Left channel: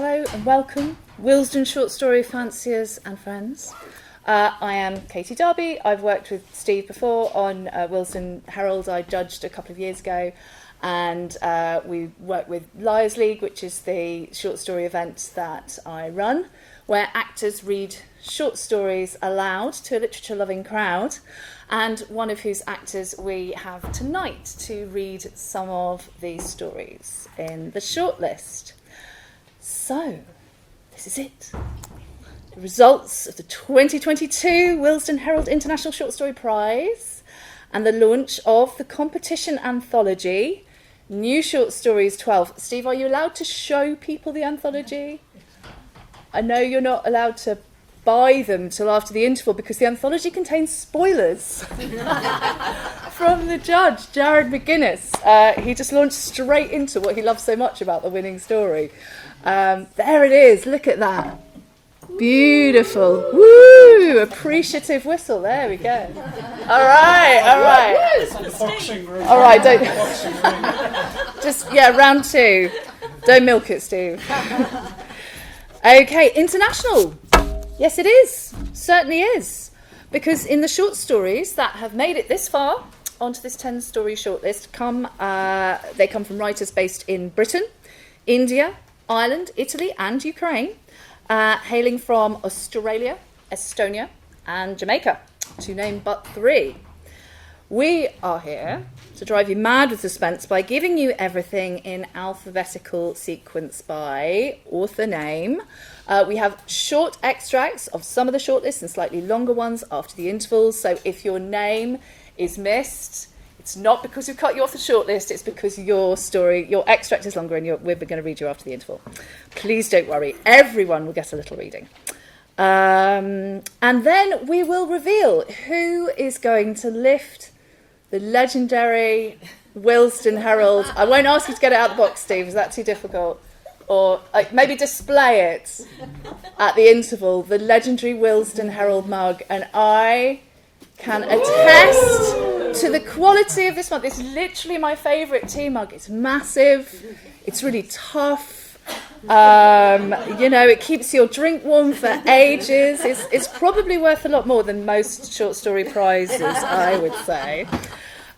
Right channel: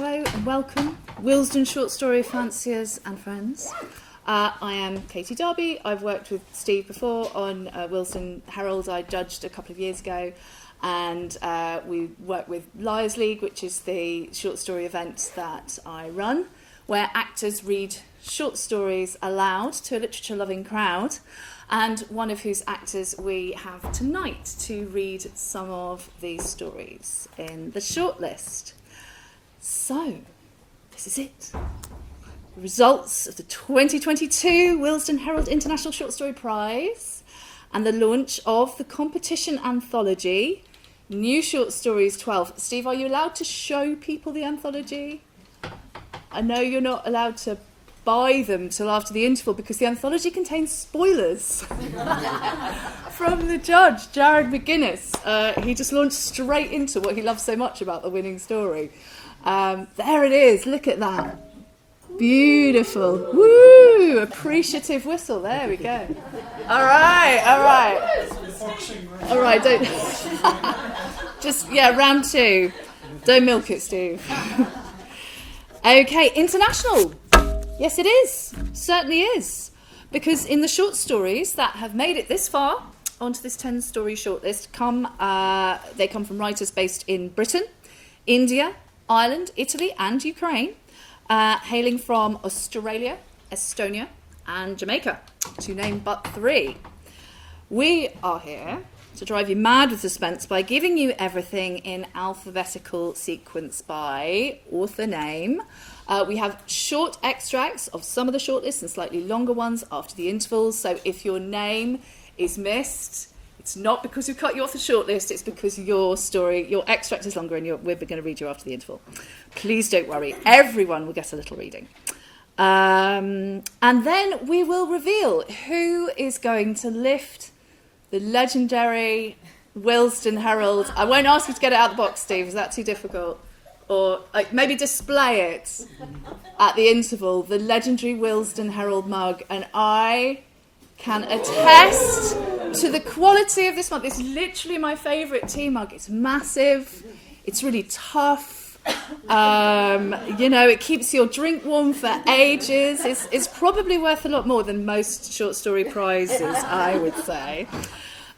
Hello and welcome, Willesden Short Story fanciers and friends. I am Katie Darby. I've worked with Steve before on Willesden Herald. I judged a couple of years ago, and we work with Liars League, which is the short story event that I run, where actors read short stories aloud to a literature-loving crowd, and one of whose actors we have tonight to read some of these stories in the shortlist. So, this is it. The results of the 2022 Willesden Herald International Short Story Prize and the launch of the competition anthology, New Short Stories 12. Steve, are you allowed to show people the anthology? I know you're not allowed to buy them till after the interval because the anthology contains spoilers from the judge, Jared McGuinness. He just launched straight into what he loves so much about the winning story. There it is, look at that. Beautiful. Woo! Appreciative whistle, there we go. All right. All right, don't... Just, round two. Don't milk it, Steve. Okay, international. Yes, it is. Certainly is. Because in the short stories that have made it this far onto this 10-story shortlist, they come from writers based in Britain, India, Ireland, Italy, and Ukraine, hailing from Australia, Estonia, and Jamaica, to name but three. We are here to drive you mad with suspense by giving you everything in alphabetical sequence by author name. We have short extracts of some of the shortlists and slightly longer ones after the intervals. So if your name is missed, it's not because we've cut you off the shortlist, it's because your extract is longer and we're going to read you after the interval. Please don't worry, everyone will get a little reading. And then we will reveal who is going to lift the legendary Willesden Herald. I won't ask you to get it out of the box, Steve, is that too difficult? Or maybe display it at the interval, the legendary Willesden Herald mug. And I can attest to the quality of this mug. It's literally my favourite tea mug. It's massive, it's really tough. It keeps your drink warm for ages. It's probably worth a lot more than most short story prizes, I would say.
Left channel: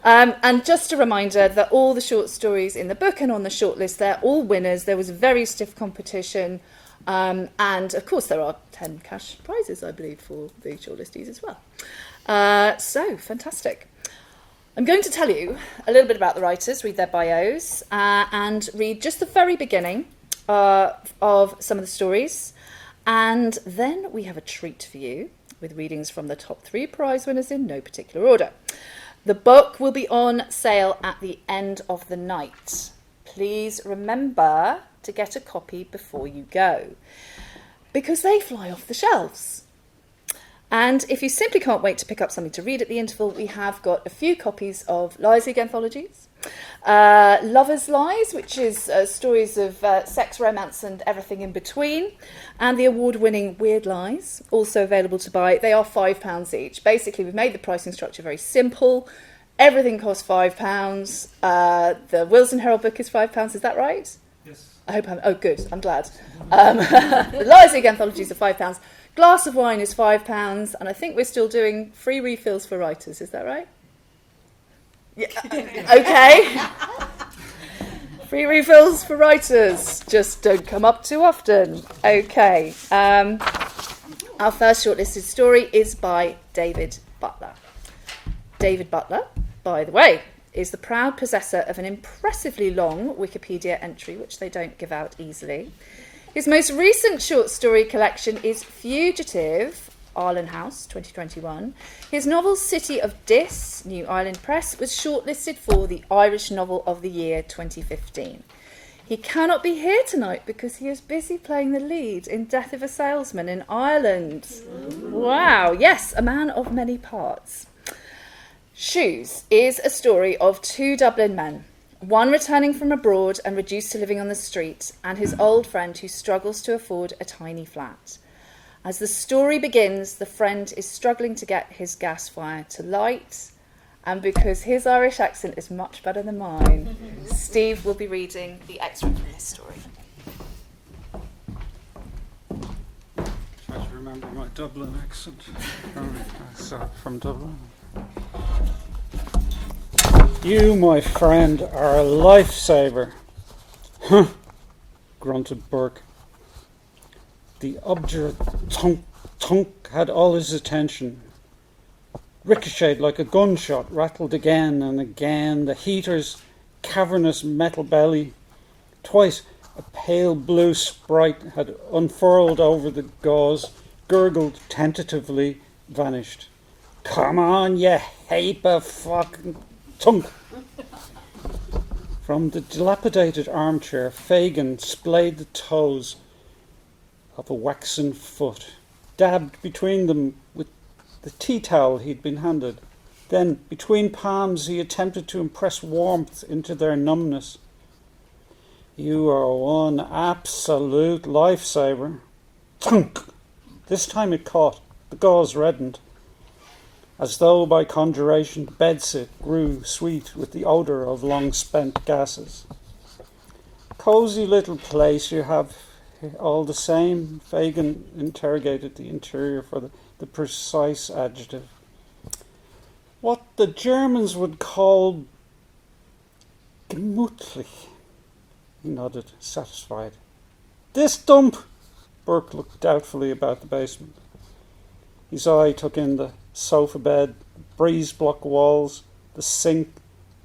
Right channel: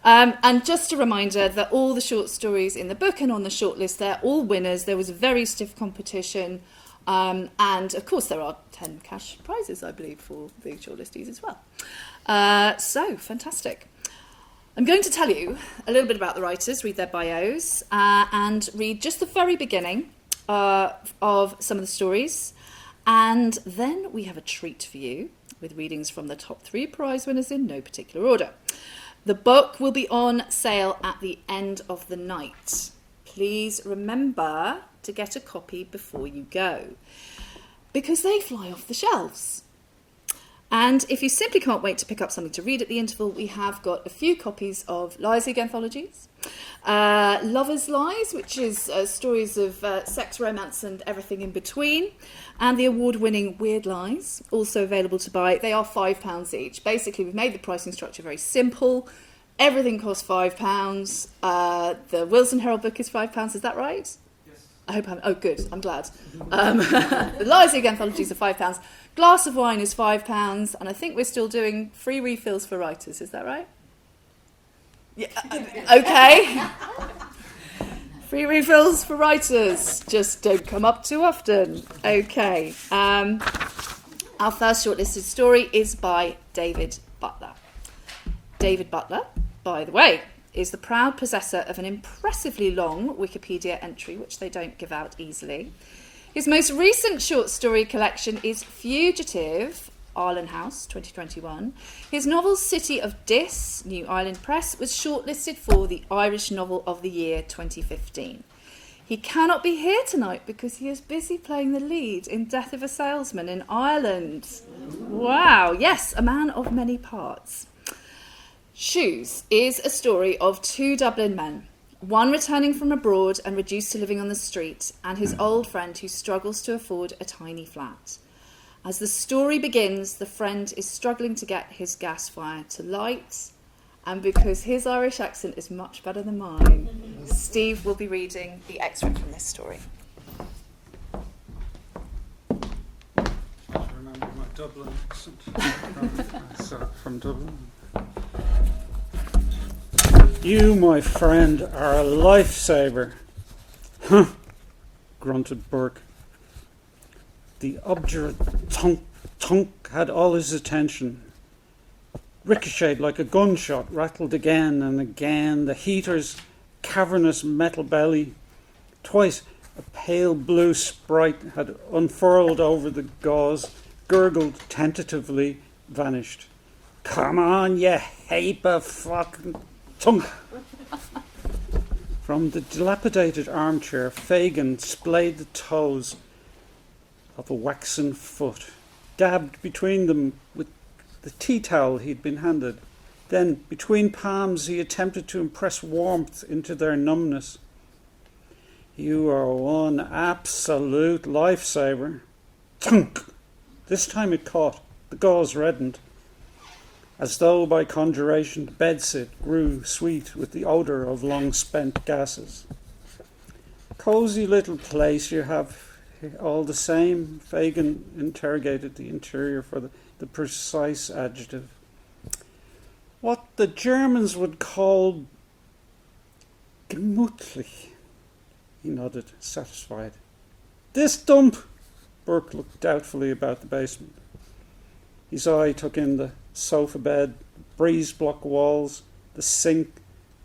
And just a reminder that all the short stories in the book and on the shortlist, they're all winners. There was a very stiff competition. And, of course, there are 10 cash prizes, I believe, for the shortlistees as well. So, fantastic. I'm going to tell you a little bit about the writers, read their bios, and read just the very beginning of some of the stories. And then we have a treat for you with readings from the top 3 prize winners in no particular order. The book will be on sale at the end of the night. Please remember to get a copy before you go, because they fly off the shelves. And if you simply can't wait to pick up something to read at the interval, we have got a few copies of Liars League anthologies, Lovers' Lies, which is stories of sex, romance and everything in between, and the award-winning Weird Lies, also available to buy. They are £5 each. Basically, we've made the pricing structure very simple. Everything costs £5. The Willesden Herald book is £5, is that right? Yes. Oh, good, I'm glad. The Liars League anthologies are £5. Glass of wine is £5, and I think we're still doing free refills for writers, is that right? Yeah. Okay. Free refills for writers. Just don't come up too often. Okay. Our first shortlisted story is by David Butler. David Butler, by the way, is the proud possessor of an impressively long Wikipedia entry, which they don't give out easily. His most recent short story collection is Fugitive, Arlen House, 2021. His novel City of Dis, New Ireland Press, was shortlisted for the Irish Novel of the Year 2015. He cannot be here tonight because he is busy playing the lead in Death of a Salesman in Ireland. Wow, yes, a man of many parts. Shoes is a story of 2 Dublin men, one returning from abroad and reduced to living on the street, and his old friend who struggles to afford a tiny flat. As the story begins, the friend is struggling to get his gas fire to light, and because his Irish accent is much better than mine, Steve will be reading the extract from this story. Dublin accent. Start from Dublin. You, my friend, are a lifesaver. Huh, grunted Burke. The obdurate tunk had all his attention. Ricocheted like a gunshot, rattled again and again, the heater's cavernous metal belly. Twice a pale blue sprite had unfurled over the gauze, gurgled tentatively, vanished. Come on, you heap of fucking tunk. From the dilapidated armchair, Fagin splayed the toes of a waxen foot, dabbed between them with the tea towel he'd been handed. Then, between palms, he attempted to impress warmth into their numbness. You are one absolute lifesaver. Thunk! This time it caught. The gauze reddened. As though by conjuration, the bedsit grew sweet with the odour of long-spent gases. Cosy little place you have all the same. Fagin interrogated the interior for the precise adjective. What the Germans would call gemütlich. He nodded, satisfied. This dump! Burke looked doubtfully about the basement. His eye took in the sofa bed, breeze-block walls, the sink,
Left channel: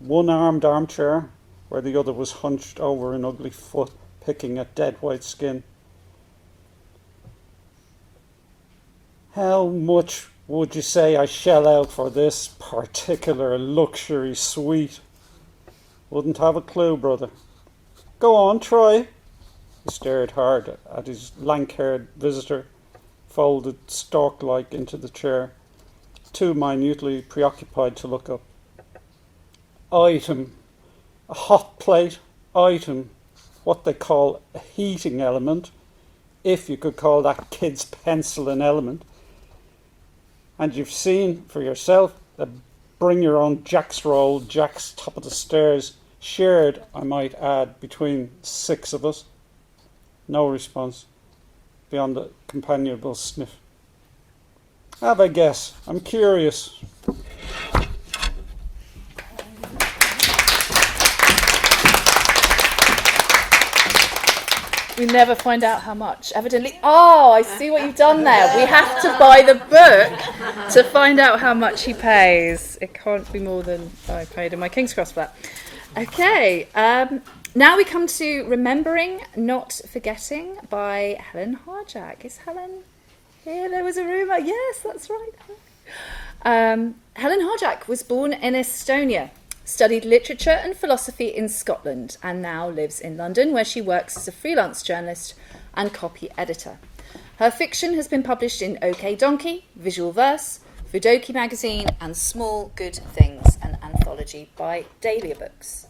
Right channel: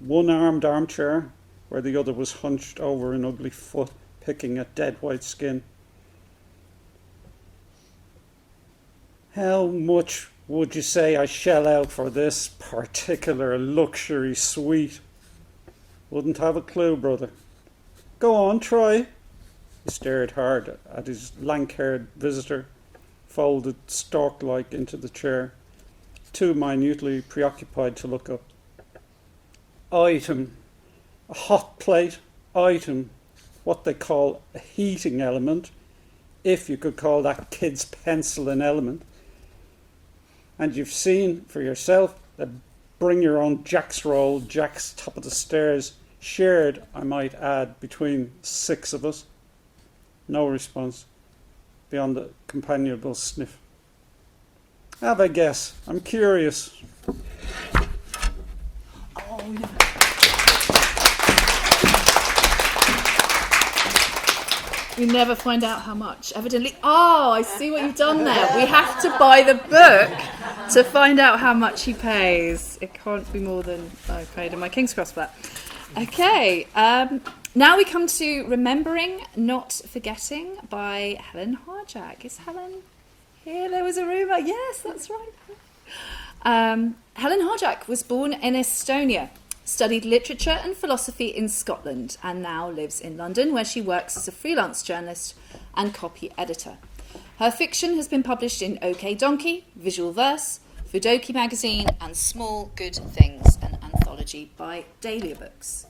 one-armed armchair, where the other was hunched over an ugly foot, picking at dead white skin. How much would you say I shell out for this particular luxury suite? Wouldn't have a clue, brother. Go on, try. He stared hard at his lank-haired visitor, folded stork-like into the chair, too minutely preoccupied to look up. Item. A hot plate. Item. What they call a heating element, if you could call that kid's pencil an element. And you've seen for yourself that bring your own Jack's roll, Jack's top of the stairs, shared, I might add, between 6 of us. No response, beyond the companionable sniff. Have a guess. I'm curious. We never find out how much. Evidently, I see what you've done there. We have to buy the book to find out how much he pays. It can't be more than I paid in my King's Cross for that. Okay, now we come to Remembering, Not Forgetting by Helen Harjak. Is Helen here? There was a rumour. Yes, that's right. Helen Harjak was born in Estonia, studied literature and philosophy in Scotland, and now lives in London, where she works as a freelance journalist and copy editor. Her fiction has been published in OK Donkey, Visual Verse, Fudoki magazine, and Small Good Things, an anthology by Dahlia Books.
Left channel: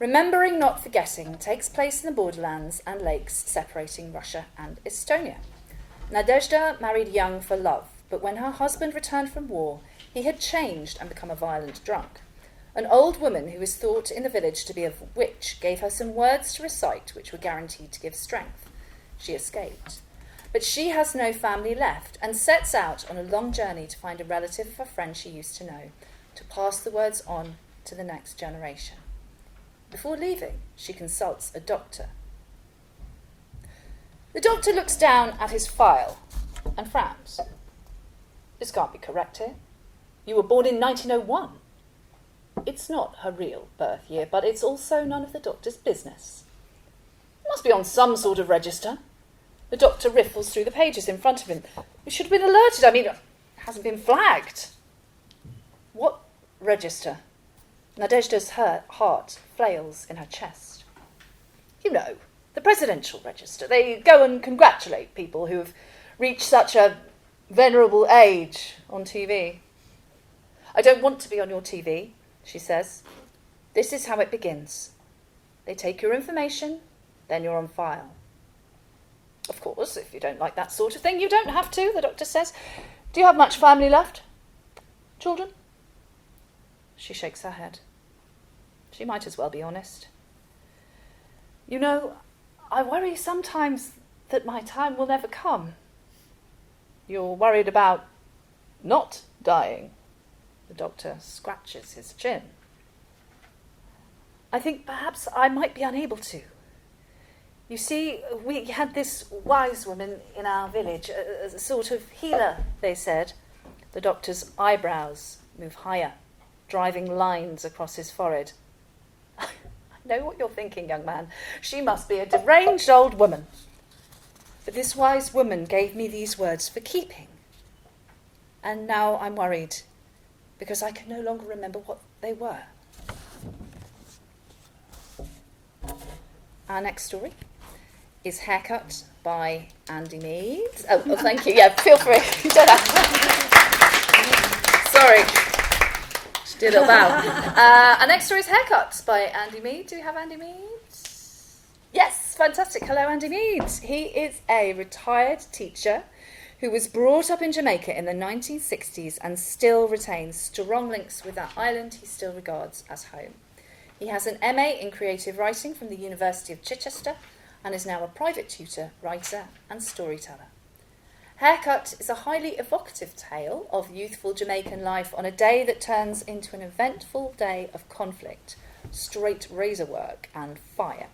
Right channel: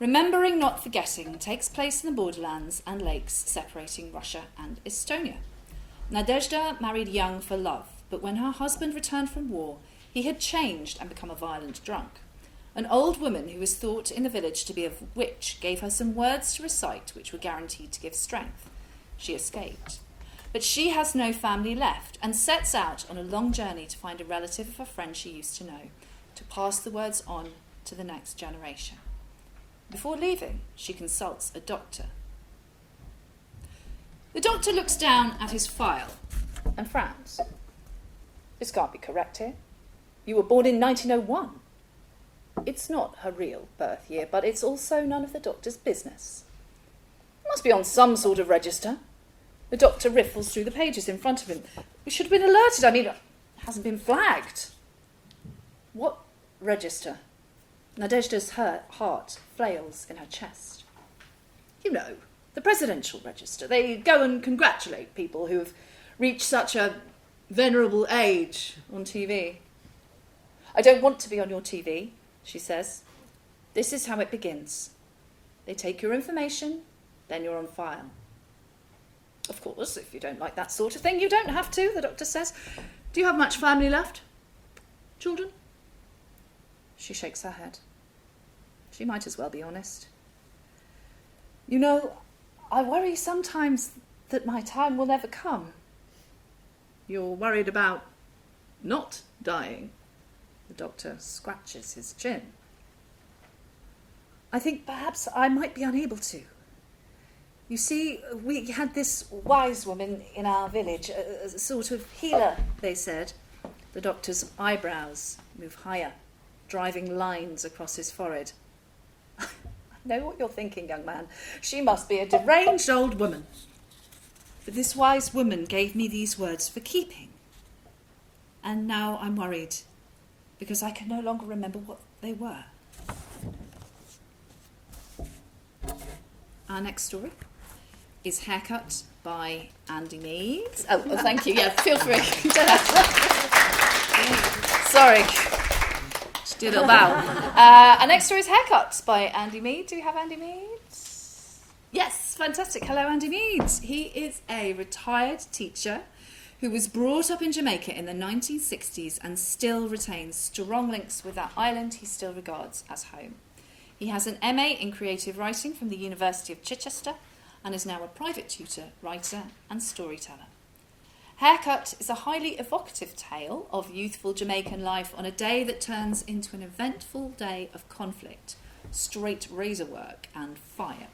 Remembering Not Forgetting takes place in the borderlands and lakes separating Russia and Estonia. Nadezhda married young for love, but when her husband returned from war, he had changed and become a violent drunk. An old woman who was thought in the village to be a witch gave her some words to recite which were guaranteed to give strength. She escaped. But she has no family left and sets out on a long journey to find a relative of a friend she used to know, to pass the words on to the next generation. Before leaving, she consults a doctor. The doctor looks down at his file and frowns. This can't be correct here. You were born in 1901. It's not her real birth year, but it's also none of the doctor's business. It must be on some sort of register. The doctor riffles through the pages in front of him. We should have been alerted. I mean, it hasn't been flagged. What register? Nadezhda's heart flails in her chest. You know, the presidential register. They go and congratulate people who have reached such a venerable age on TV. I don't want to be on your TV, she says. This is how it begins. They take your information, then you're on file. Of course, if you don't like that sort of thing, you don't have to, the doctor says. Do you have much family left? Children? She shakes her head. She might as well be honest. You know, I worry sometimes that my time will never come. You're worried about not dying. The doctor scratches his chin. I think perhaps I might be unable to. You see, we had this wise woman in our village, a sort of healer, they said. The doctor's eyebrows move higher, driving lines across his forehead. I know what you're thinking, young man. She must be a deranged old woman. But this wise woman gave me these words for keeping. And now I'm worried, because I can no longer remember what they were. Our next story is Haircut by Andy Mead. Oh, thank you. Yeah, feel free. Sorry. She did a bow. Our next story is Haircut by Andy Mead. Do we have Andy Mead? Yes, fantastic. Hello, Andy Mead. He is a retired teacher who was brought up in Jamaica in the 1960s and still retains strong links with that island he still regards as home. He has an MA in creative writing from the University of Chichester and is now a private tutor, writer and storyteller. Haircut is a highly evocative tale of youthful Jamaican life on a day that turns into an eventful day of conflict, straight razor work and fire.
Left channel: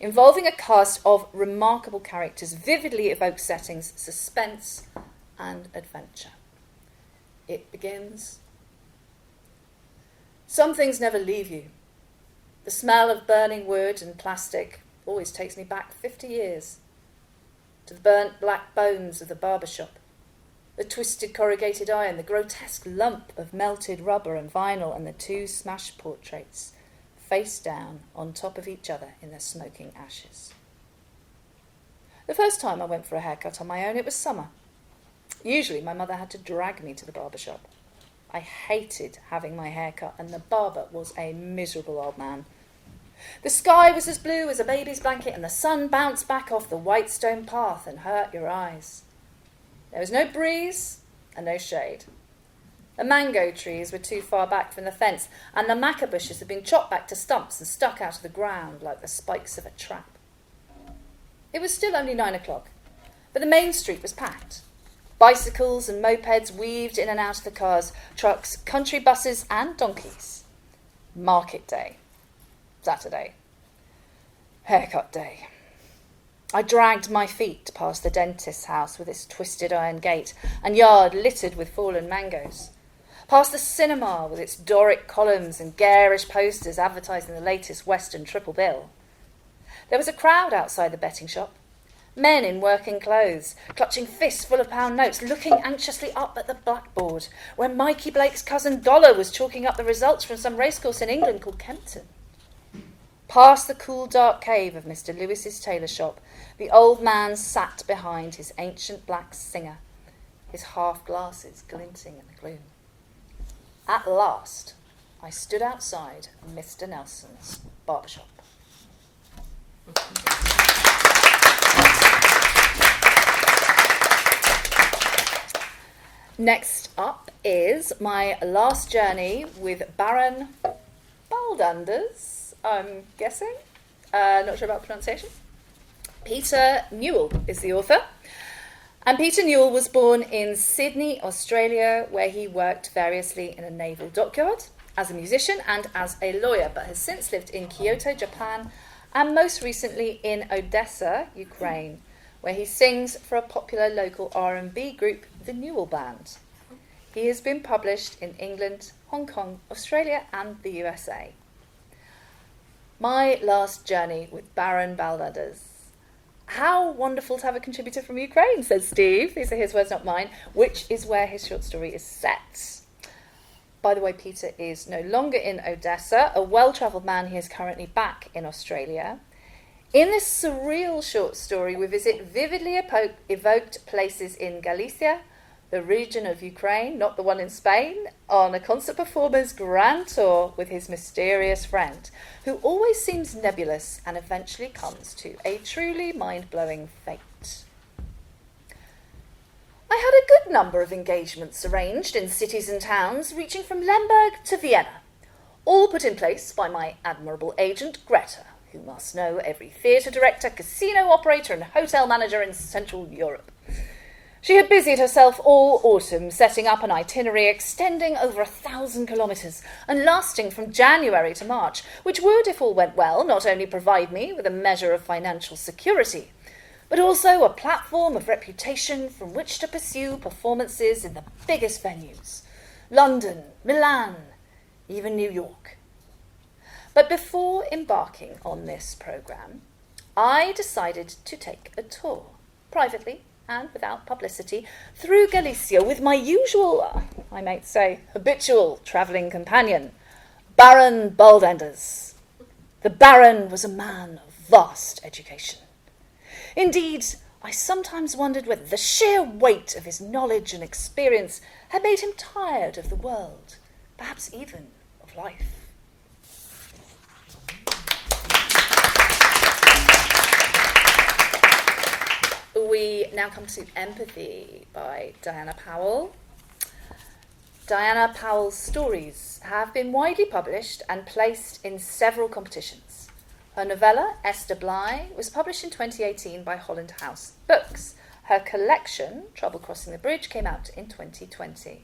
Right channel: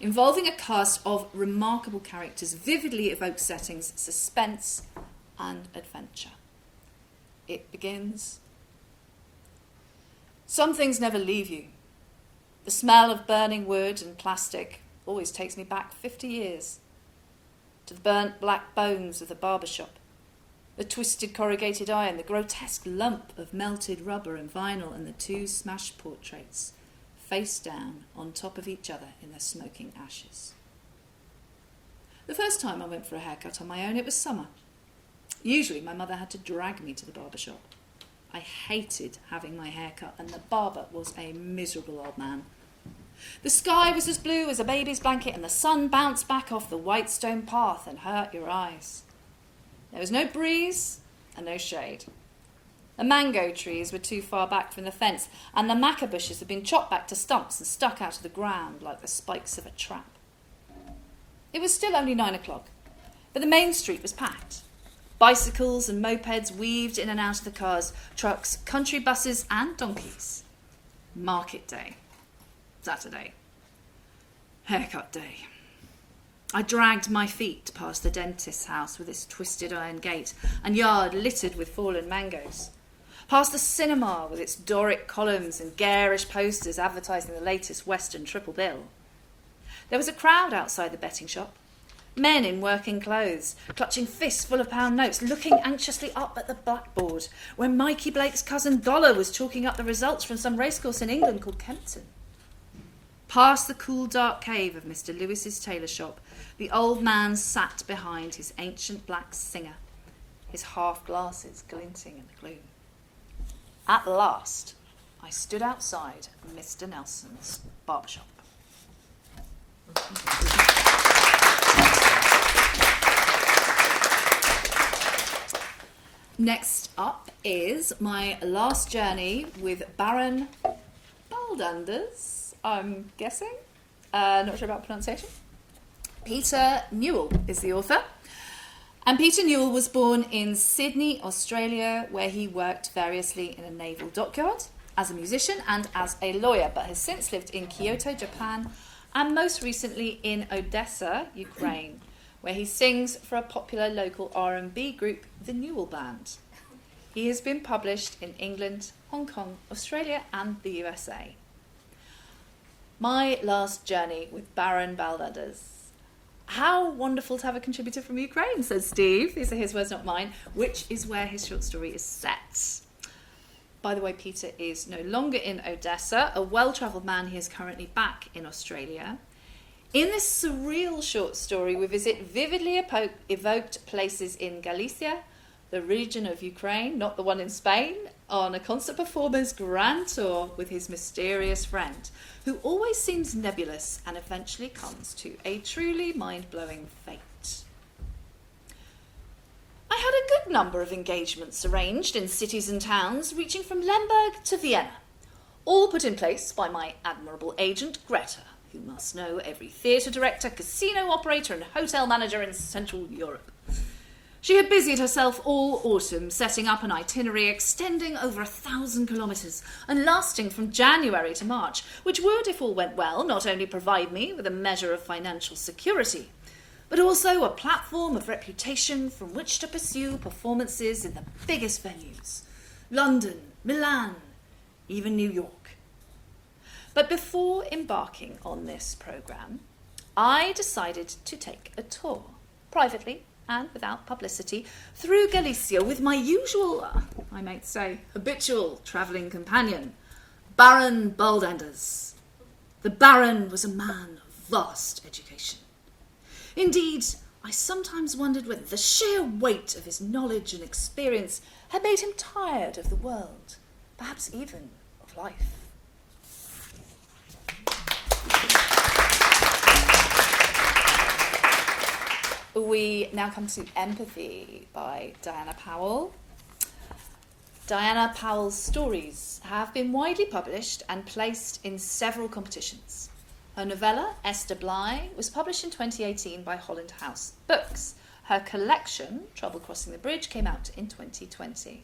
Involving a cast of remarkable characters, vividly evokes settings, suspense and adventure. It begins. Some things never leave you. The smell of burning wood and plastic always takes me back 50 years. To the burnt black bones of the barber shop, the twisted corrugated iron, the grotesque lump of melted rubber and vinyl, and the two smashed portraits, face down on top of each other in their smoking ashes. The first time I went for a haircut on my own, it was summer. Usually my mother had to drag me to the barber shop. I hated having my hair cut, and the barber was a miserable old man. The sky was as blue as a baby's blanket, and the sun bounced back off the white stone path and hurt your eyes. There was no breeze and no shade. The mango trees were too far back from the fence, and the maca bushes had been chopped back to stumps and stuck out of the ground like the spikes of a trap. It was still only 9 o'clock, but the main street was packed. Bicycles and mopeds weaved in and out of the cars, trucks, country buses and donkeys. Market day. Saturday. Haircut day. I dragged my feet past the dentist's house with its twisted iron gate and yard littered with fallen mangoes. Past the cinema with its Doric columns and garish posters advertising the latest Western triple bill. There was a crowd outside the betting shop. Men in working clothes, clutching fists full of pound notes, looking anxiously up at the blackboard where Mikey Blake's cousin Dollar was chalking up the results from some racecourse in England called Kempton. Past the cool dark cave of Mr. Lewis's tailor shop, the old man sat behind his ancient black Singer, his half-glasses glinting in the gloom. At last, I stood outside Mr. Nelson's barber shop. Next up is my last journey with Baron Baldanders, I'm guessing. Not sure about pronunciation. Peter Newall is the author. And Peter Newall was born in Sydney, Australia, where he worked variously in a naval dockyard as a musician and as a lawyer, but has since lived in Kyoto, Japan, and most recently in Odessa, Ukraine, where he sings for a popular local R&B group, the Newall Band. He has been published in England, Hong Kong, Australia, and the USA. My last journey with Baron Baldanders. How wonderful to have a contributor from Ukraine, says Steve. These are his words, not mine, which is where his short story is set. By the way, Peter is no longer in Odessa. A well-travelled man, he is currently back in Australia. In this surreal short story, we visit vividly evoked places in Galicia, the region of Ukraine, not the one in Spain, on a concert performer's grand tour with his mysterious friend, who always seems nebulous and eventually comes to a truly mind-blowing fate. I had a good number of engagements arranged in cities and towns, reaching from Lemberg to Vienna, all put in place by my admirable agent, Greta, who must know every theatre director, casino operator and hotel manager in Central Europe. She had busied herself all autumn setting up an itinerary extending over 1,000 kilometres and lasting from January to March, which would, if all went well, not only provide me with a measure of financial security, but also a platform of reputation from which to pursue performances in the biggest venues: London, Milan, even New York. But before embarking on this programme, I decided to take a tour, privately and without publicity, through Galicia with my usual, I might say, habitual travelling companion, Baron Baldanders. The Baron was a man of vast education. Indeed, I sometimes wondered whether the sheer weight of his knowledge and experience had made him tired of the world, perhaps even of life. We now come to Empathy by Diana Powell. Diana Powell's stories have been widely published and placed in several competitions. Her novella, Esther Bly, was published in 2018 by Holland House Books. Her collection, Trouble Crossing the Bridge, came out in 2020.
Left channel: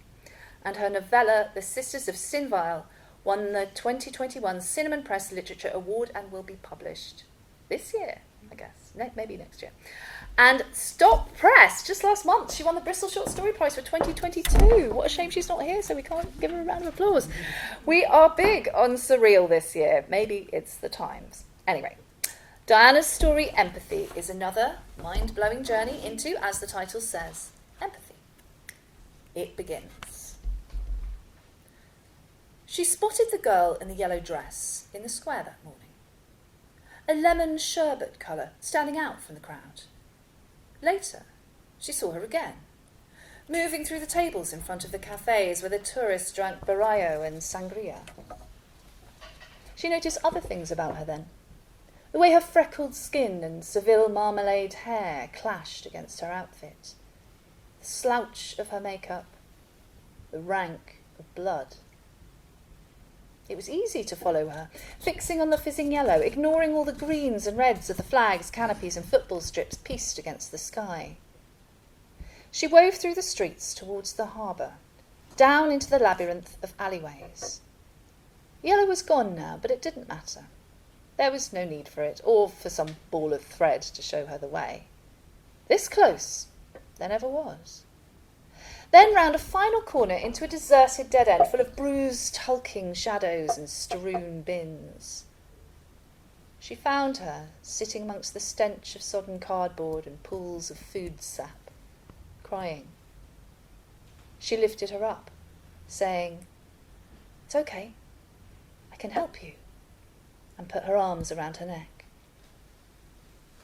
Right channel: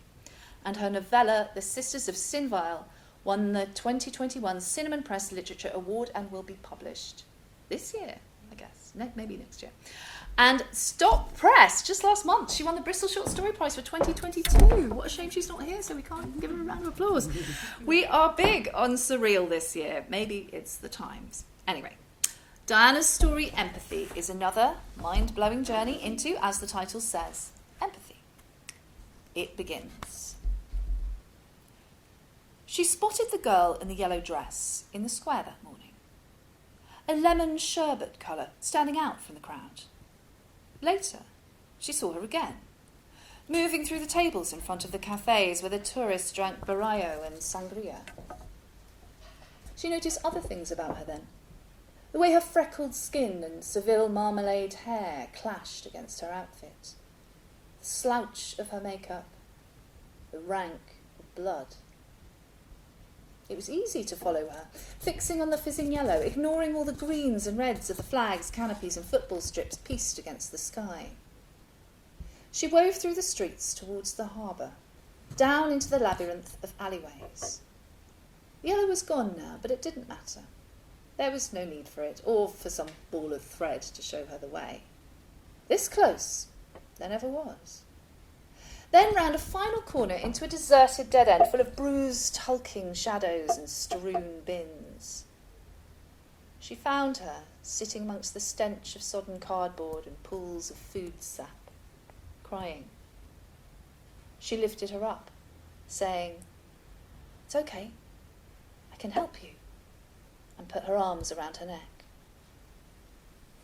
And her novella, The Sisters of Sinvile, won the 2021 Cinnamon Press Literature Award and will be published this year, I guess, maybe next year. And Stop Press, just last month, she won the Bristol Short Story Prize for 2022. What a shame she's not here, so we can't give her a round of applause. We are big on surreal this year. Maybe it's the times. Anyway, Diana's story, Empathy, is another mind-blowing journey into, as the title says, empathy. It begins. She spotted the girl in the yellow dress in the square that morning. A lemon sherbet colour standing out from the crowd. Later, she saw her again, moving through the tables in front of the cafes where the tourists drank barallo and sangria. She noticed other things about her then. The way her freckled skin and Seville marmalade hair clashed against her outfit. The slouch of her makeup. The rank of blood. It was easy to follow her, fixing on the fizzing yellow, ignoring all the greens and reds of the flags, canopies and football strips pieced against the sky. She wove through the streets towards the harbour, down into the labyrinth of alleyways. Yellow was gone now, but it didn't matter. There was no need for it, or for some ball of thread to show her the way. This close, there never was. Then round a final corner into a deserted dead end full of bruised, hulking shadows and strewn bins. She found her sitting amongst the stench of sodden cardboard and pools of food sap, crying. She lifted her up, saying, "It's okay, I can help you," and put her arms around her neck.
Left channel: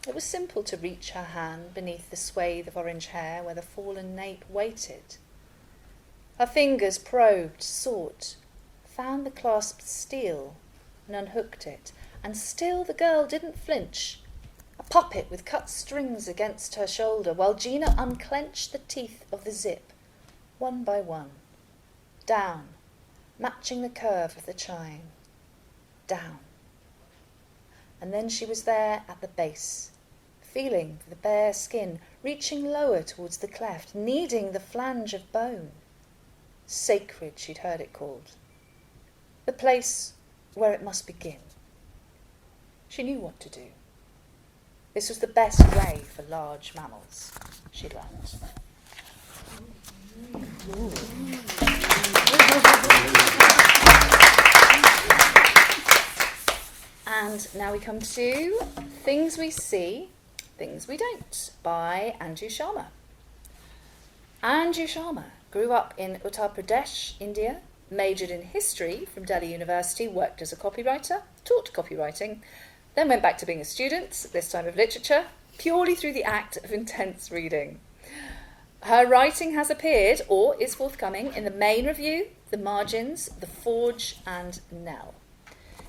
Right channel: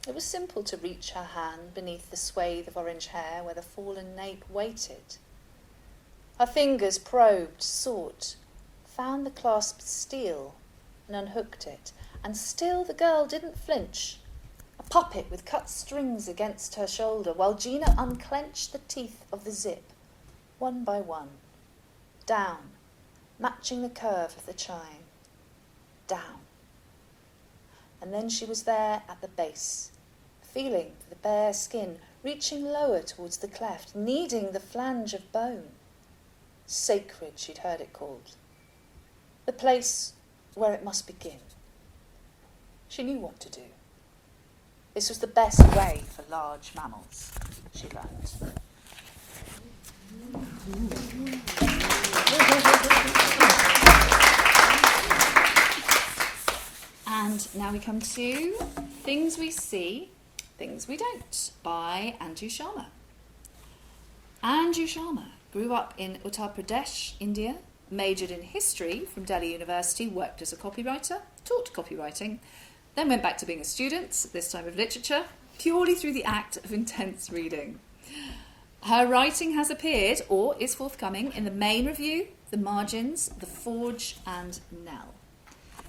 It was simple to reach her hand beneath the swathe of orange hair where the fallen nape waited. Her fingers probed, sought, found the clasped steel and unhooked it, and still the girl didn't flinch, a puppet with cut strings against her shoulder, while Gina unclenched the teeth of the zip, one by one, down, matching the curve of the chine, down. And then she was there at the base, feeling for the bare skin, reaching lower towards the cleft, needing the flange of bone. Sacred, she'd heard it called. The place where it must begin. She knew what to do. This was the best way for large mammals, she learned. And now we come to Things We See, Things We Don't by Anju Sharma. Anju Sharma grew up in Uttar Pradesh, India, majored in history from Delhi University, worked as a copywriter, taught copywriting, then went back to being a student, this time of literature, purely through the act of intense reading. Her writing has appeared, or is forthcoming, in the Main Review, The Margins, The Forge and Nell.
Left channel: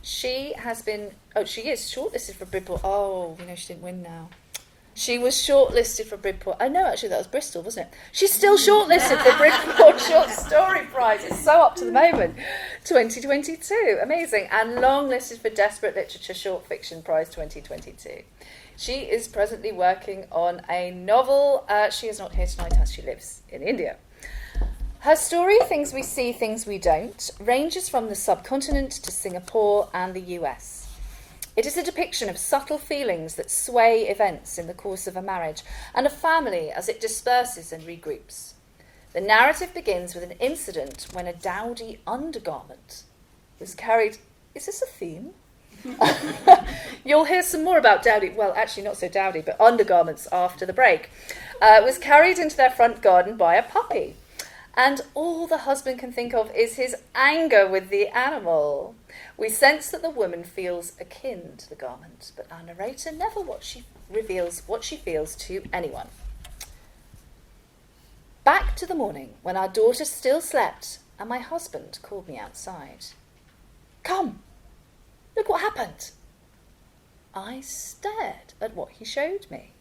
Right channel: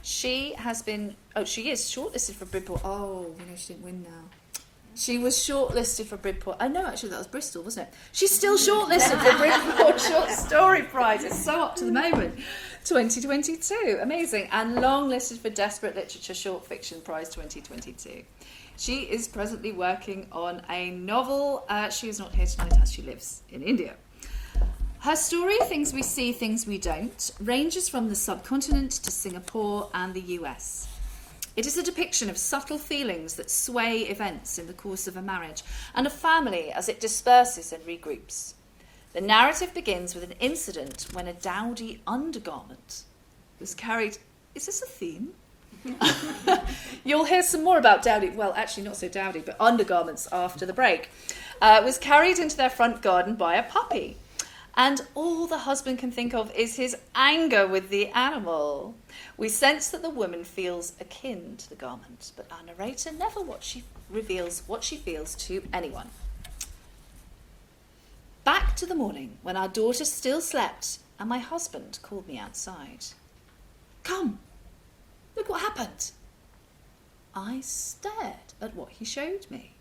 She is shortlisted for Bridport. Oh, she didn't win now. She was shortlisted for Bridport. Oh, no, actually, that was Bristol, wasn't it? She's still shortlisted for Bridport Short Story Prize. It's so up to the moment. 2022. Amazing. And long listed for Desperate Literature Short Fiction Prize 2022. She is presently working on a novel. She is not here tonight as she lives in India. Her story, Things We See, Things We Don't, ranges from the subcontinent to Singapore and the US. It is a depiction of subtle feelings that sway events in the course of a marriage and a family as it disperses and regroups. The narrative begins with an incident when a dowdy undergarment was carried... Is this a theme? You'll hear some more about dowdy, well, actually not so dowdy, but undergarments after the break. Was carried into their front garden by a puppy. And all the husband can think of is his anger with the animal. We sense that the woman feels akin to the garment, but our narrator never reveals what she feels to anyone. Back to the morning when our daughter still slept and my husband called me outside. Come, look what happened. I stared at what he showed me.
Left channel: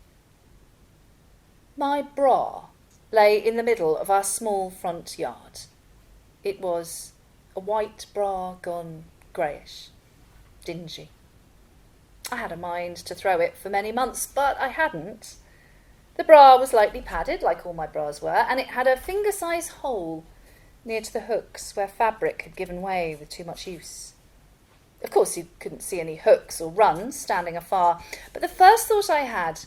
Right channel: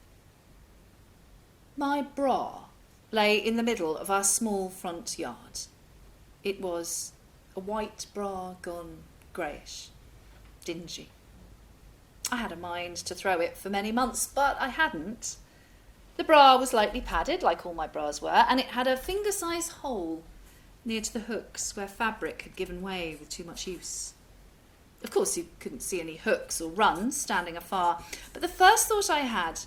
My bra lay in the middle of our small front yard. It was a white bra gone greyish, dingy. I had a mind to throw it for many months, but I hadn't. The bra was lightly padded, like all my bras were, and it had a finger-size hole near to the hooks where fabric had given way with too much use. Of course, you couldn't see any hooks or runs standing afar, but the first thought I had,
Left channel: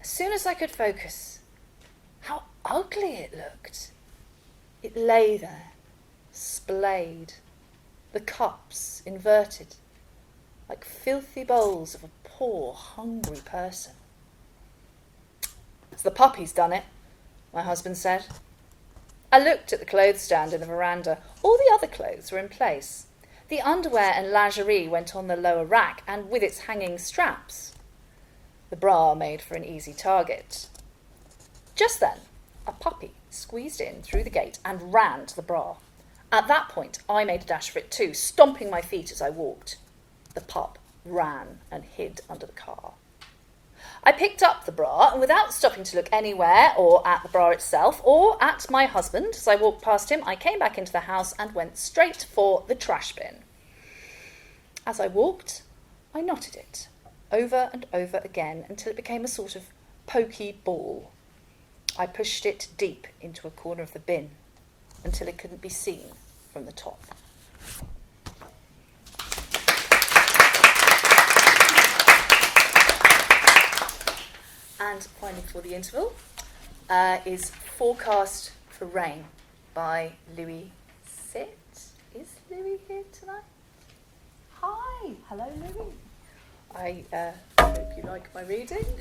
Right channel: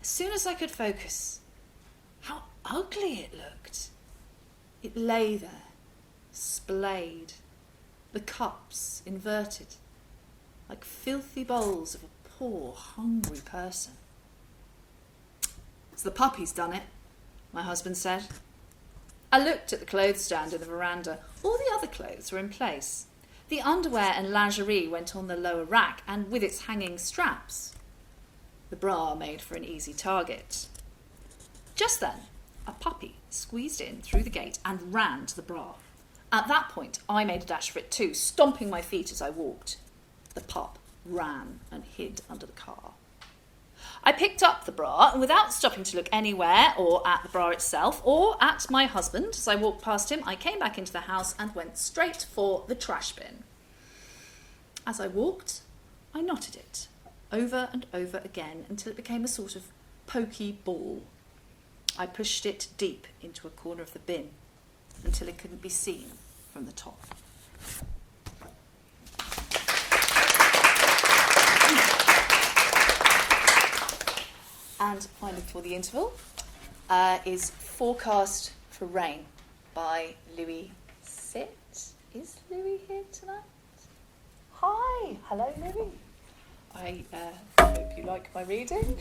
as soon as I could focus, how ugly it looked. It lay there, splayed, the cups inverted, like filthy bowls of a poor, hungry person. It's the puppy's done it, my husband said. I looked at the clothes stand in the veranda. All the other clothes were in place. The underwear and lingerie went on the lower rack, and with its hanging straps. The bra made for an easy target. Just then, a puppy squeezed in through the gate and ran to the bra. At that point, I made a dash for it too, stomping my feet as I walked. The pup ran and hid under the car. I picked up the bra, and without stopping to look anywhere or at the bra itself or at my husband, as I walked past him, I came back into the house and went straight for the trash bin. As I walked, I knotted it over and over again until it became a sort of pokey ball. I pushed it deep into a corner of the bin until it couldn't be seen from the top. And finally, for the interval, is Forecast for Rain by Lui Sit. Is Lui here tonight? Hi, hello Lui. I hope you like my reading.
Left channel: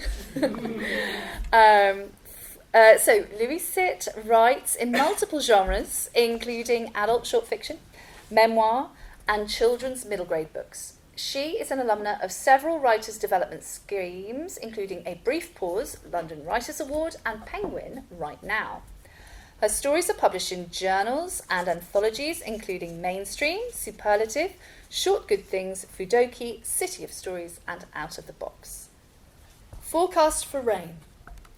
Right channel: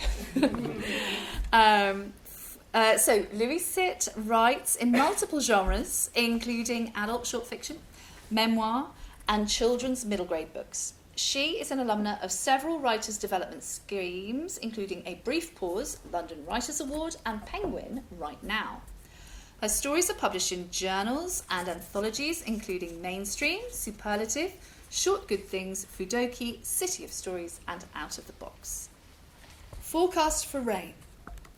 So Lui Sit writes in multiple genres, including adult short fiction, memoir, and children's middle grade books. She is an alumna of several writers' development schemes, including A Brief Pause, London Writers' Award, and Penguin Right Now. Her stories are published in journals and anthologies, including Mainstream, Superlative, Short Good Things, Fudoki, City of Stories, and Out of the Box. Forecast for Rain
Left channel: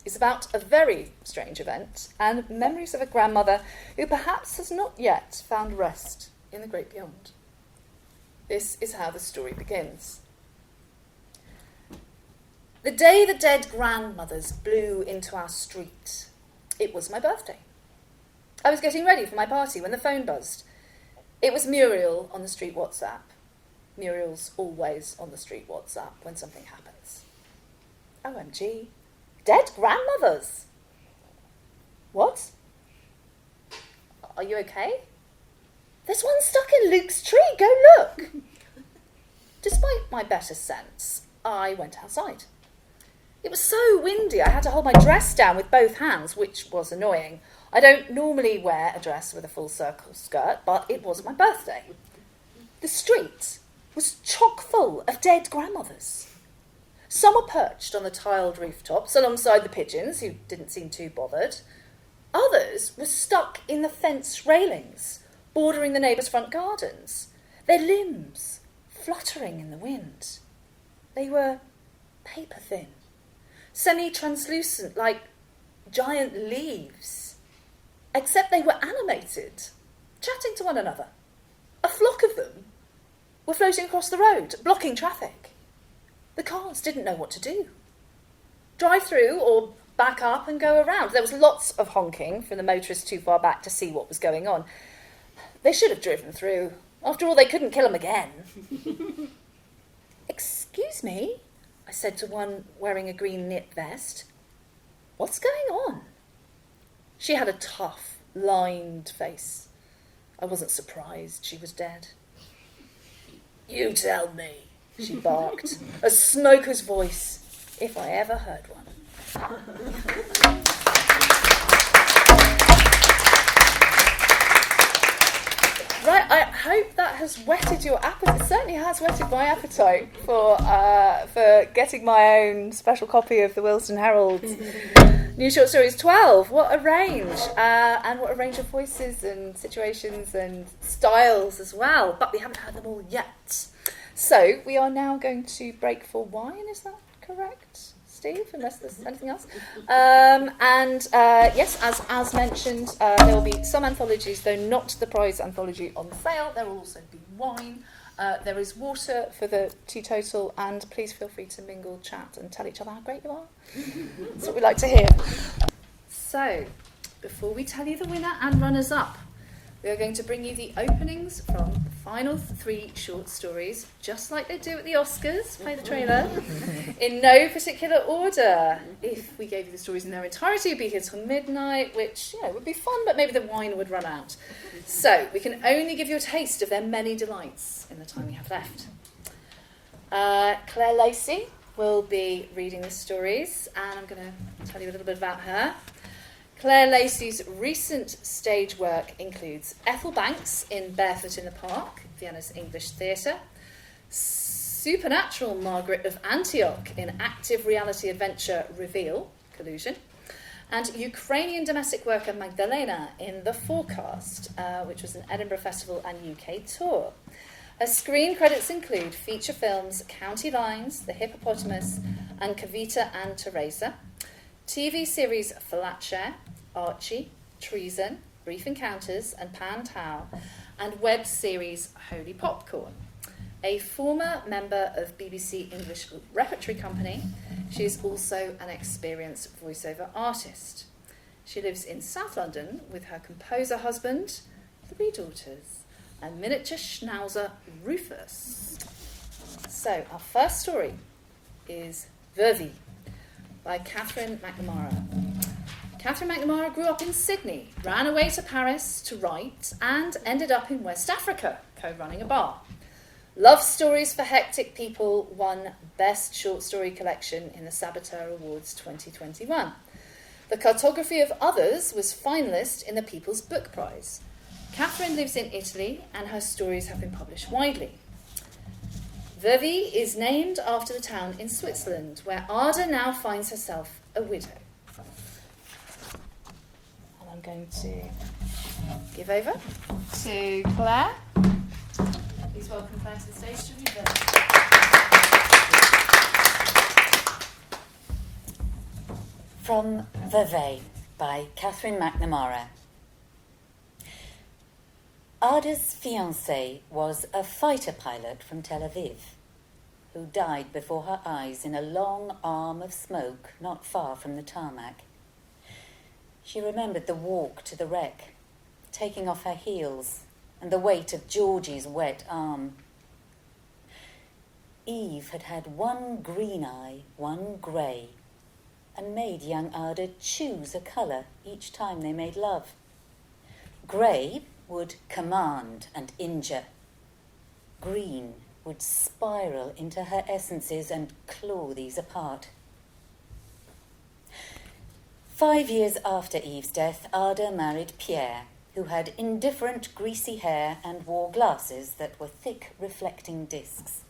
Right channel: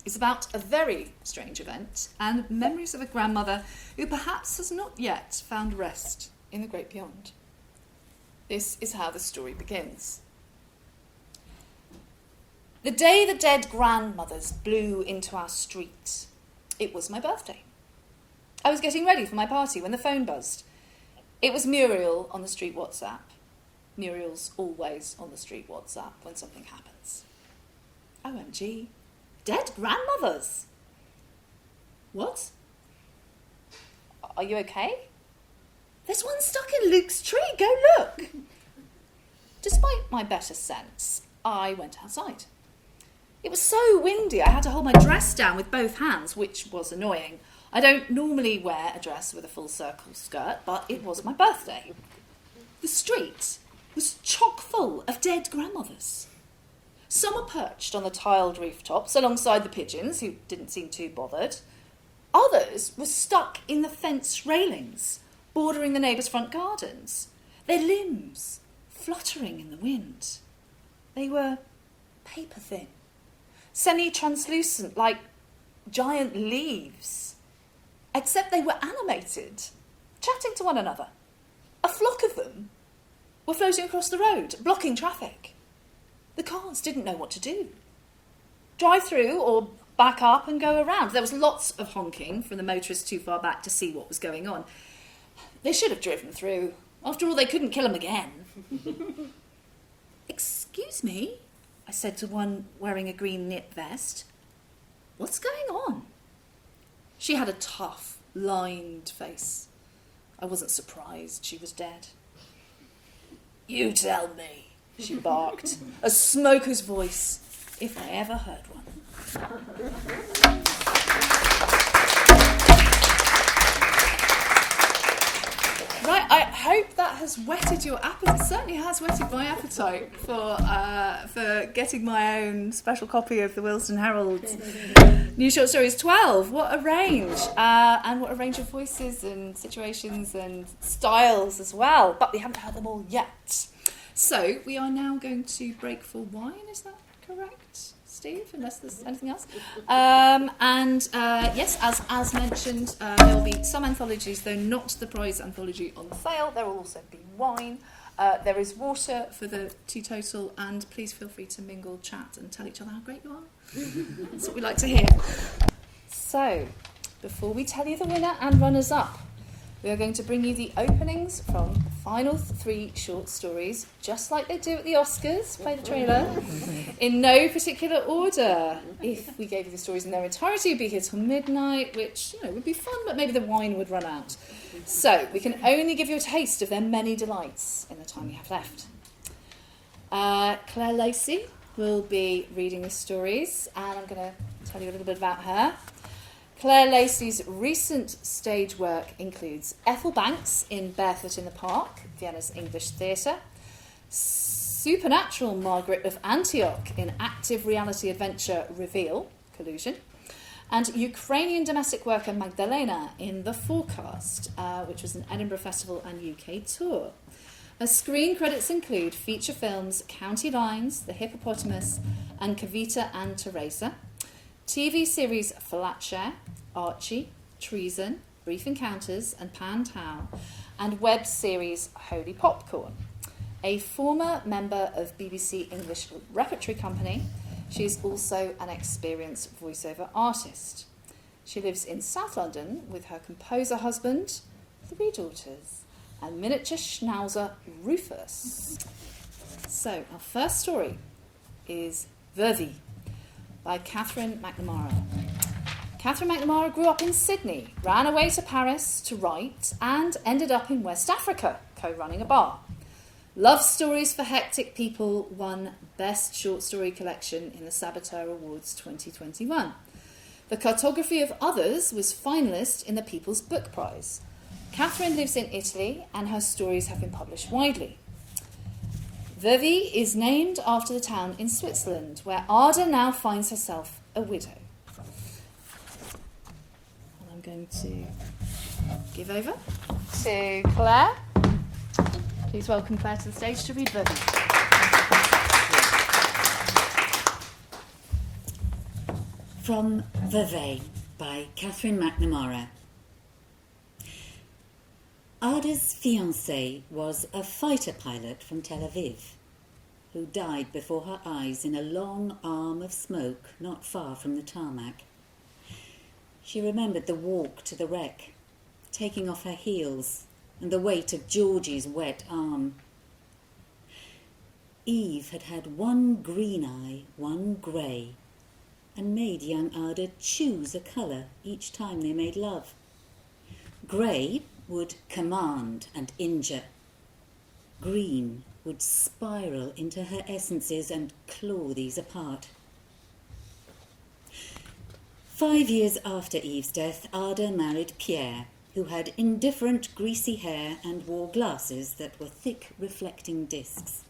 is about a very strange event and memories of a grandmother who perhaps has not yet found rest in the great beyond. This is how the story begins. The day the dead grandmothers blew into our street, it was my birthday. I was getting ready for my party when the phone buzzed. It was Muriel on the street WhatsApp. Muriel's always on the street WhatsApp when something happens. OMG, dead grandmothers. What? Are you okay? There's one stuck in Luke's tree, go look. Despite my better sense, I went outside. It was so windy I had to hold my dress down with both hands, which was annoying. I don't normally wear a dress with a full circle skirt, but it was my birthday. The street was chock full of dead grandmothers. Some were perched on the tiled rooftops alongside the pigeons, who didn't seem too bothered. Others were stuck in the fence railings, bordering the neighbours' front gardens, their limbs fluttering in the wind. They were paper-thin, semi-translucent like giant leaves, except they were animated, chatting to one another. A flock of them were floating across the road, blocking traffic. The cars didn't know what to do. drive through or back up and go around. There was lots of honking from the motorists too far back to see what was going on. They should have driven through. After all, they couldn't kill him again. "Excuse me," I said to one wearing a green knit vest. "What's going on?" She had a tough, lined face. I wasn't surprised she was dead. "You tell me," she barked, a smoker's voice, if I ever heard one. Right, I hope that has whetted your appetite. It certainly has whetted my appetite for getting my own special copy of the Willesden Herald New Short Stories 12. What a range, and what a range of voices and situations and styles as well. But we haven't heard them all yet. So we are now going to break for wine, is that correct, Steve? Unless there's anything else. Yes, as mentioned, there will be some anthologies, though not the prize anthology, on sale. There will also be wine. There is water for the teetotal, and please feel free to mingle, chat, and tell each other how great you are. That's what we like to hear. So, before we tell you the winner and runners-up, we are going to bring you the openings from the final 3 short stories, just like they do at the Oscars, play the trailer, in no particular order. If we gave you the stories in their entirety, it'd be here till midnight, which, would be fun, but maybe the wine would run out. So we can only give you a taste of their many delights in the time we have left. Claire Lacey will be reading the stories, and I'm going to tell you a little bit about her. Claire Lacey's recent stage work includes Ethel Banks in Barefoot in the Park, Vienna's English Theatre, Supernatural Margaret of Antioch in active reality adventure Reveal, Collusion, and Ukrainian domestic worker Magdalena in The Forecast, which was an Edinburgh Festival and UK tour. Her screen credits include feature films County Lines, The Hippopotamus, and Kavita and Teresa, TV series Flatshare, Archie, Treason, Brief Encounters, and Pan Tao, and web series Holy Popcorn. A former member of BBC English Repertory Company, she is also an experienced voiceover artist. She lives in South London with her composer husband, 3 daughters, and miniature schnauzer Rufus. So, our first story is Vevey by Catherine McNamara. Catherine McNamara grew up in Sydney, ran away to Paris to write, and ended up in West Africa, co-running a bar. Love Stories for Hectic People won Best Short Story Collection in the Saboteur Awards 2021. The Cartography of Others was finalist in the People's Book Prize. Catherine lives in Italy, and her stories have been published widely. Vevey is named after the town in Switzerland, where Ada now finds herself a widow. And I'm going to give over to Claire. Please welcome Claire to the stage to read Vevey. From Vevey by Catherine McNamara. Ada's fiancé was a fighter pilot from Tel Aviv, who died before her eyes in a long arm of smoke not far from the tarmac. She remembered the walk to the wreck, taking off her heels, and the weight of Georgie's wet arm. Eve had had one green eye, one grey, and made young Ada choose a colour each time they made love. Grey would command and injure. Green would spiral into her essences and claw these apart. 5 years after Eve's death, Ada married Pierre, who had indifferent greasy hair and wore glasses that were thick reflecting discs.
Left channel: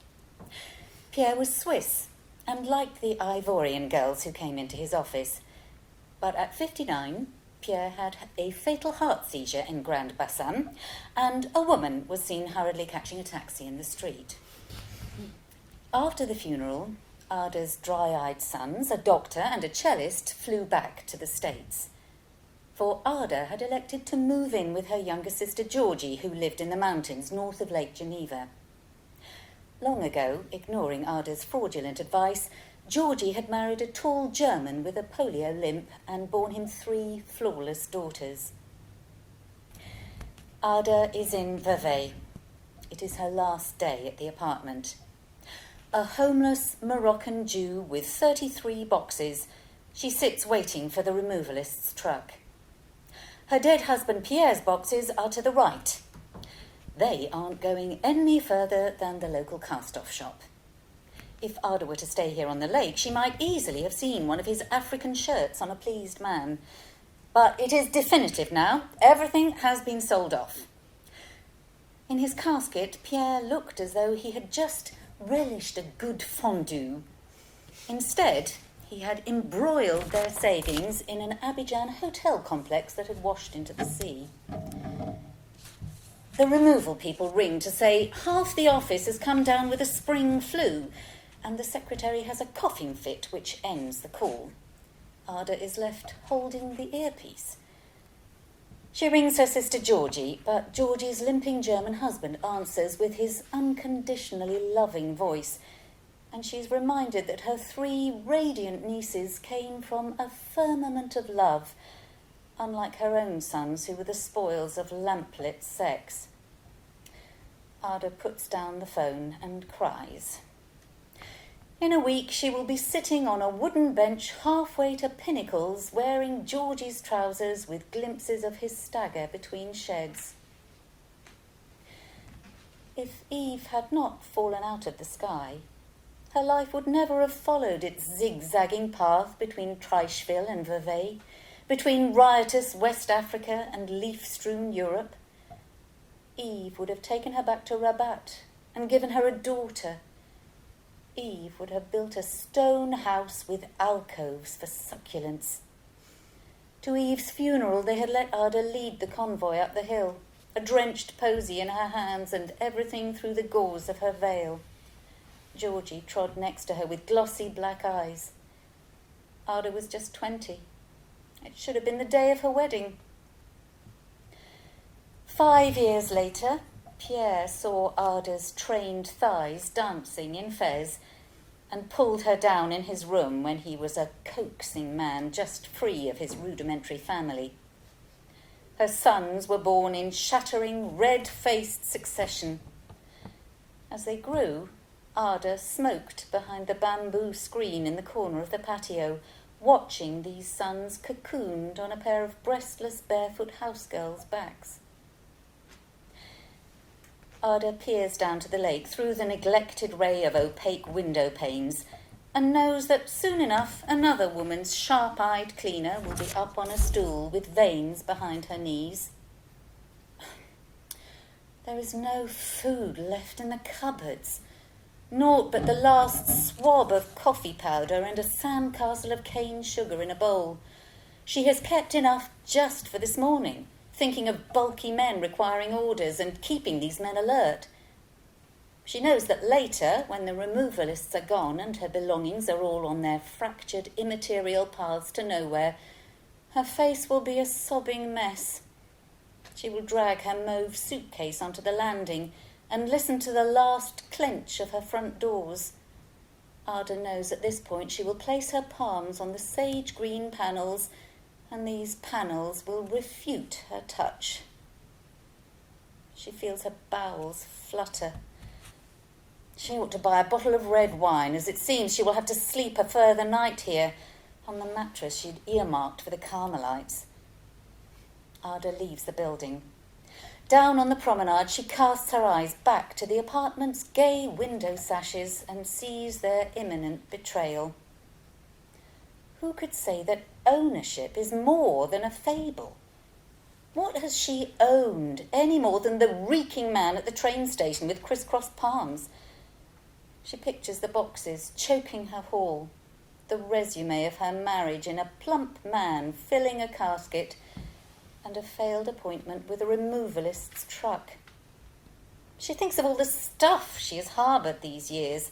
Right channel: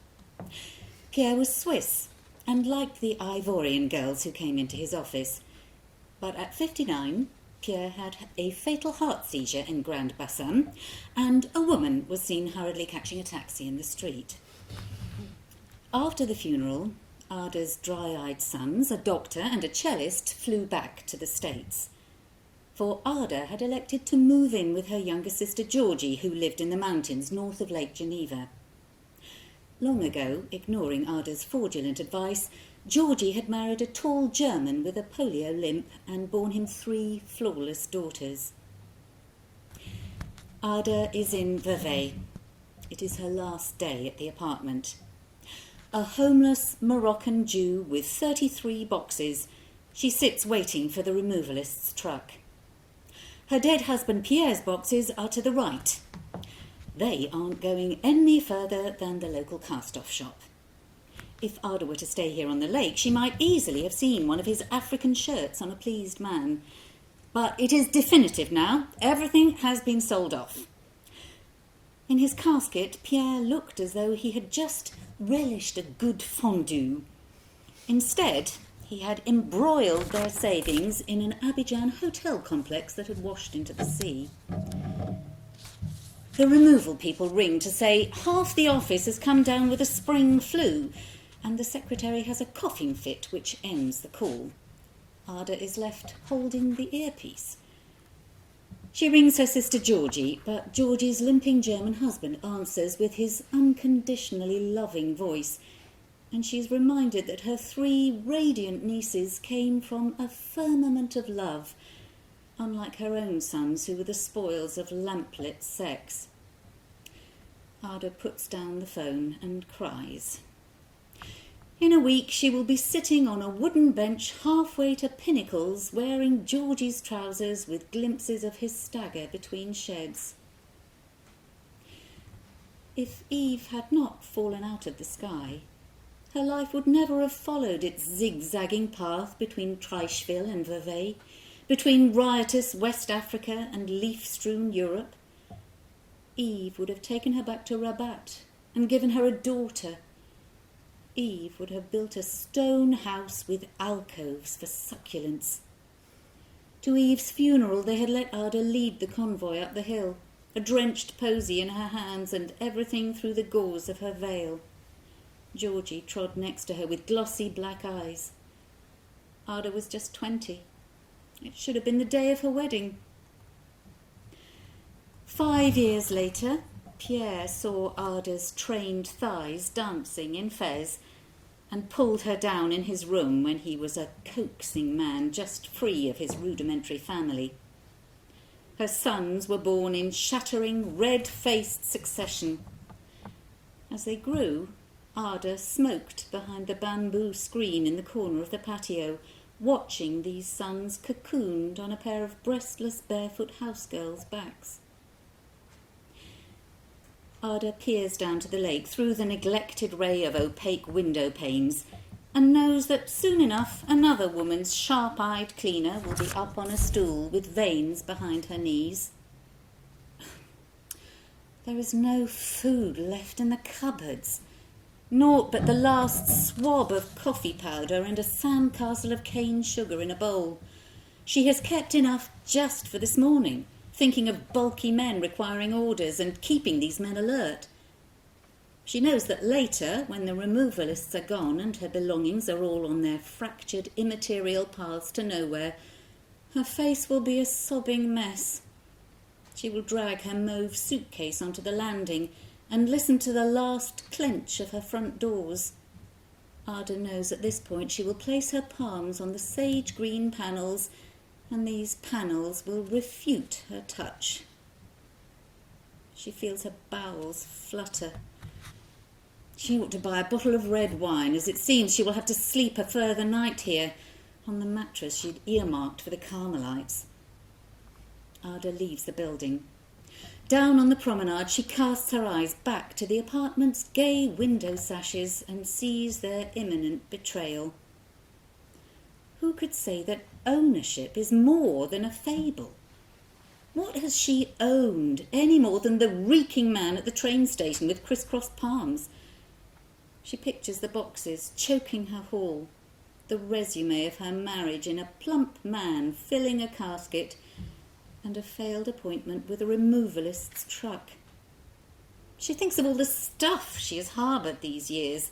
Pierre was Swiss and liked the Ivorian girls who came into his office, but at 59, Pierre had a fatal heart seizure in Grand Bassam, and a woman was seen hurriedly catching a taxi in the street. After the funeral, Ada's dry-eyed sons, a doctor and a cellist, flew back to the States. For Ada had elected to move in with her younger sister Georgie, who lived in the mountains north of Lake Geneva. Long ago, ignoring Ada's fraudulent advice, Georgie had married a tall German with a polio limp and borne him 3 flawless daughters. Ada is in Vevey. It is her last day at the apartment. A homeless Moroccan Jew with 33 boxes, she sits waiting for the removalist's truck. Her dead husband Pierre's boxes are to the right. They aren't going any further than the local cast-off shop. If Ada were to stay here on the lake, she might easily have seen one of his African shirts on a pleased man. But it is definitive now. Everything has been sold off. In his casket, Pierre looked as though he had just relished a good fondue. Instead, he had embroiled their savings in an Abidjan hotel complex that had washed into the sea. The removal people ring to say half the office has come down with a spring flu, and the secretary has a coughing fit which ends the call. Ada is left holding the earpiece. She rings her sister Georgie, but Georgie's limping German husband answers with his unconditionally loving voice, and she's reminded that her 3 radiant nieces came from a firmament of love, unlike her own sons who were the spoils of lamplit sex. Ada puts down the phone and cries. In a week she will be sitting on a wooden bench halfway to Pinnacles, wearing Georgie's trousers with glimpses of his stagger between sheds. If Eve had not fallen out of the sky, her life would never have followed its zigzagging path between Treichville and Vevey, between riotous West Africa and leaf-strewn Europe. Eve would have taken her back to Rabat and given her a daughter. Eve would have built a stone house with alcoves for succulents. To Eve's funeral they had let Ada lead the convoy up the hill, a drenched posy in her hands and everything through the gauze of her veil. Georgie trod next to her with glossy black eyes. Ada was just 20. It should have been the day of her wedding. 5 years later, Pierre saw Ada's trained thighs dancing in Fez and pulled her down in his room when he was a coaxing man just free of his rudimentary family. Her sons were born in shattering, red-faced succession. As they grew, Ada smoked behind the bamboo screen in the corner of the patio, watching these sons cocooned on a pair of breastless, barefoot housegirls' backs. Ada peers down to the lake through the neglected ray of opaque window panes and knows that soon enough another woman's sharp-eyed cleaner will be up on a stool with veins behind her knees. There is no food left in the cupboards, naught but the last swab of coffee powder and a sandcastle of cane sugar in a bowl. She has kept enough just for this morning, thinking of bulky men requiring orders and keeping these men alert. She knows that later, when the removalists are gone and her belongings are all on their fractured immaterial paths to nowhere, her face will be a sobbing mess. She will drag her mauve suitcase onto the landing and listen to the last clench of her front doors. Ada knows at this point she will place her palms on the sage green panels, and these panels will refute her touch. She feels her bowels flutter. She ought to buy a bottle of red wine, as it seems she will have to sleep a further night here, on the mattress she'd earmarked for the Carmelites. Ada leaves the building. Down on the promenade she casts her eyes back to the apartment's gay window sashes and sees their imminent betrayal. Who could say that ownership is more than a fable? What has she owned any more than the reeking man at the train station with crisscrossed palms? She pictures the boxes choking her hall, the resume of her marriage in a plump man filling a casket, and a failed appointment with a removalist's truck. She thinks of all the stuff she has harboured these years,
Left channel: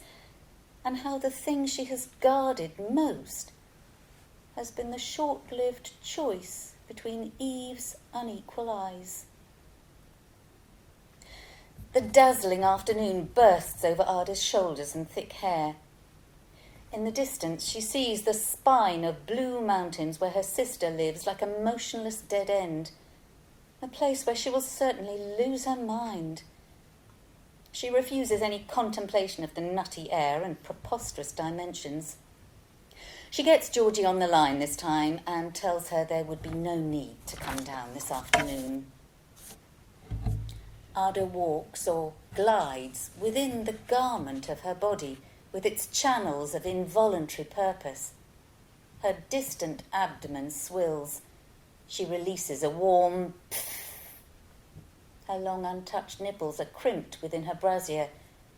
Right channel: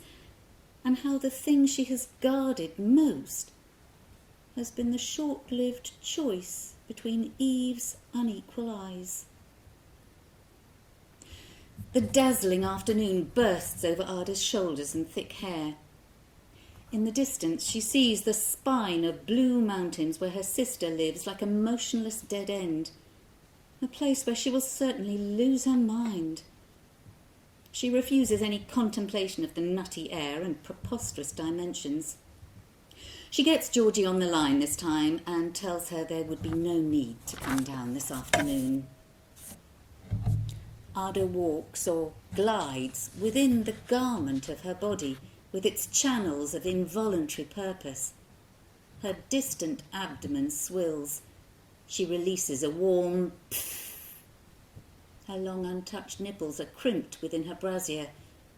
and how the thing she has guarded most has been the short-lived choice between Eve's unequal eyes. The dazzling afternoon bursts over Ada's shoulders and thick hair. In the distance, she sees the spine of blue mountains where her sister lives like a motionless dead end, a place where she will certainly lose her mind. She refuses any contemplation of the nutty air and preposterous dimensions. She gets Georgie on the line this time and tells her there would be no need to come down this afternoon. Ada walks or glides within the garment of her body with its channels of involuntary purpose. Her distant abdomen swills. She releases a warm pfft. Her long untouched nipples are crimped within her brassiere,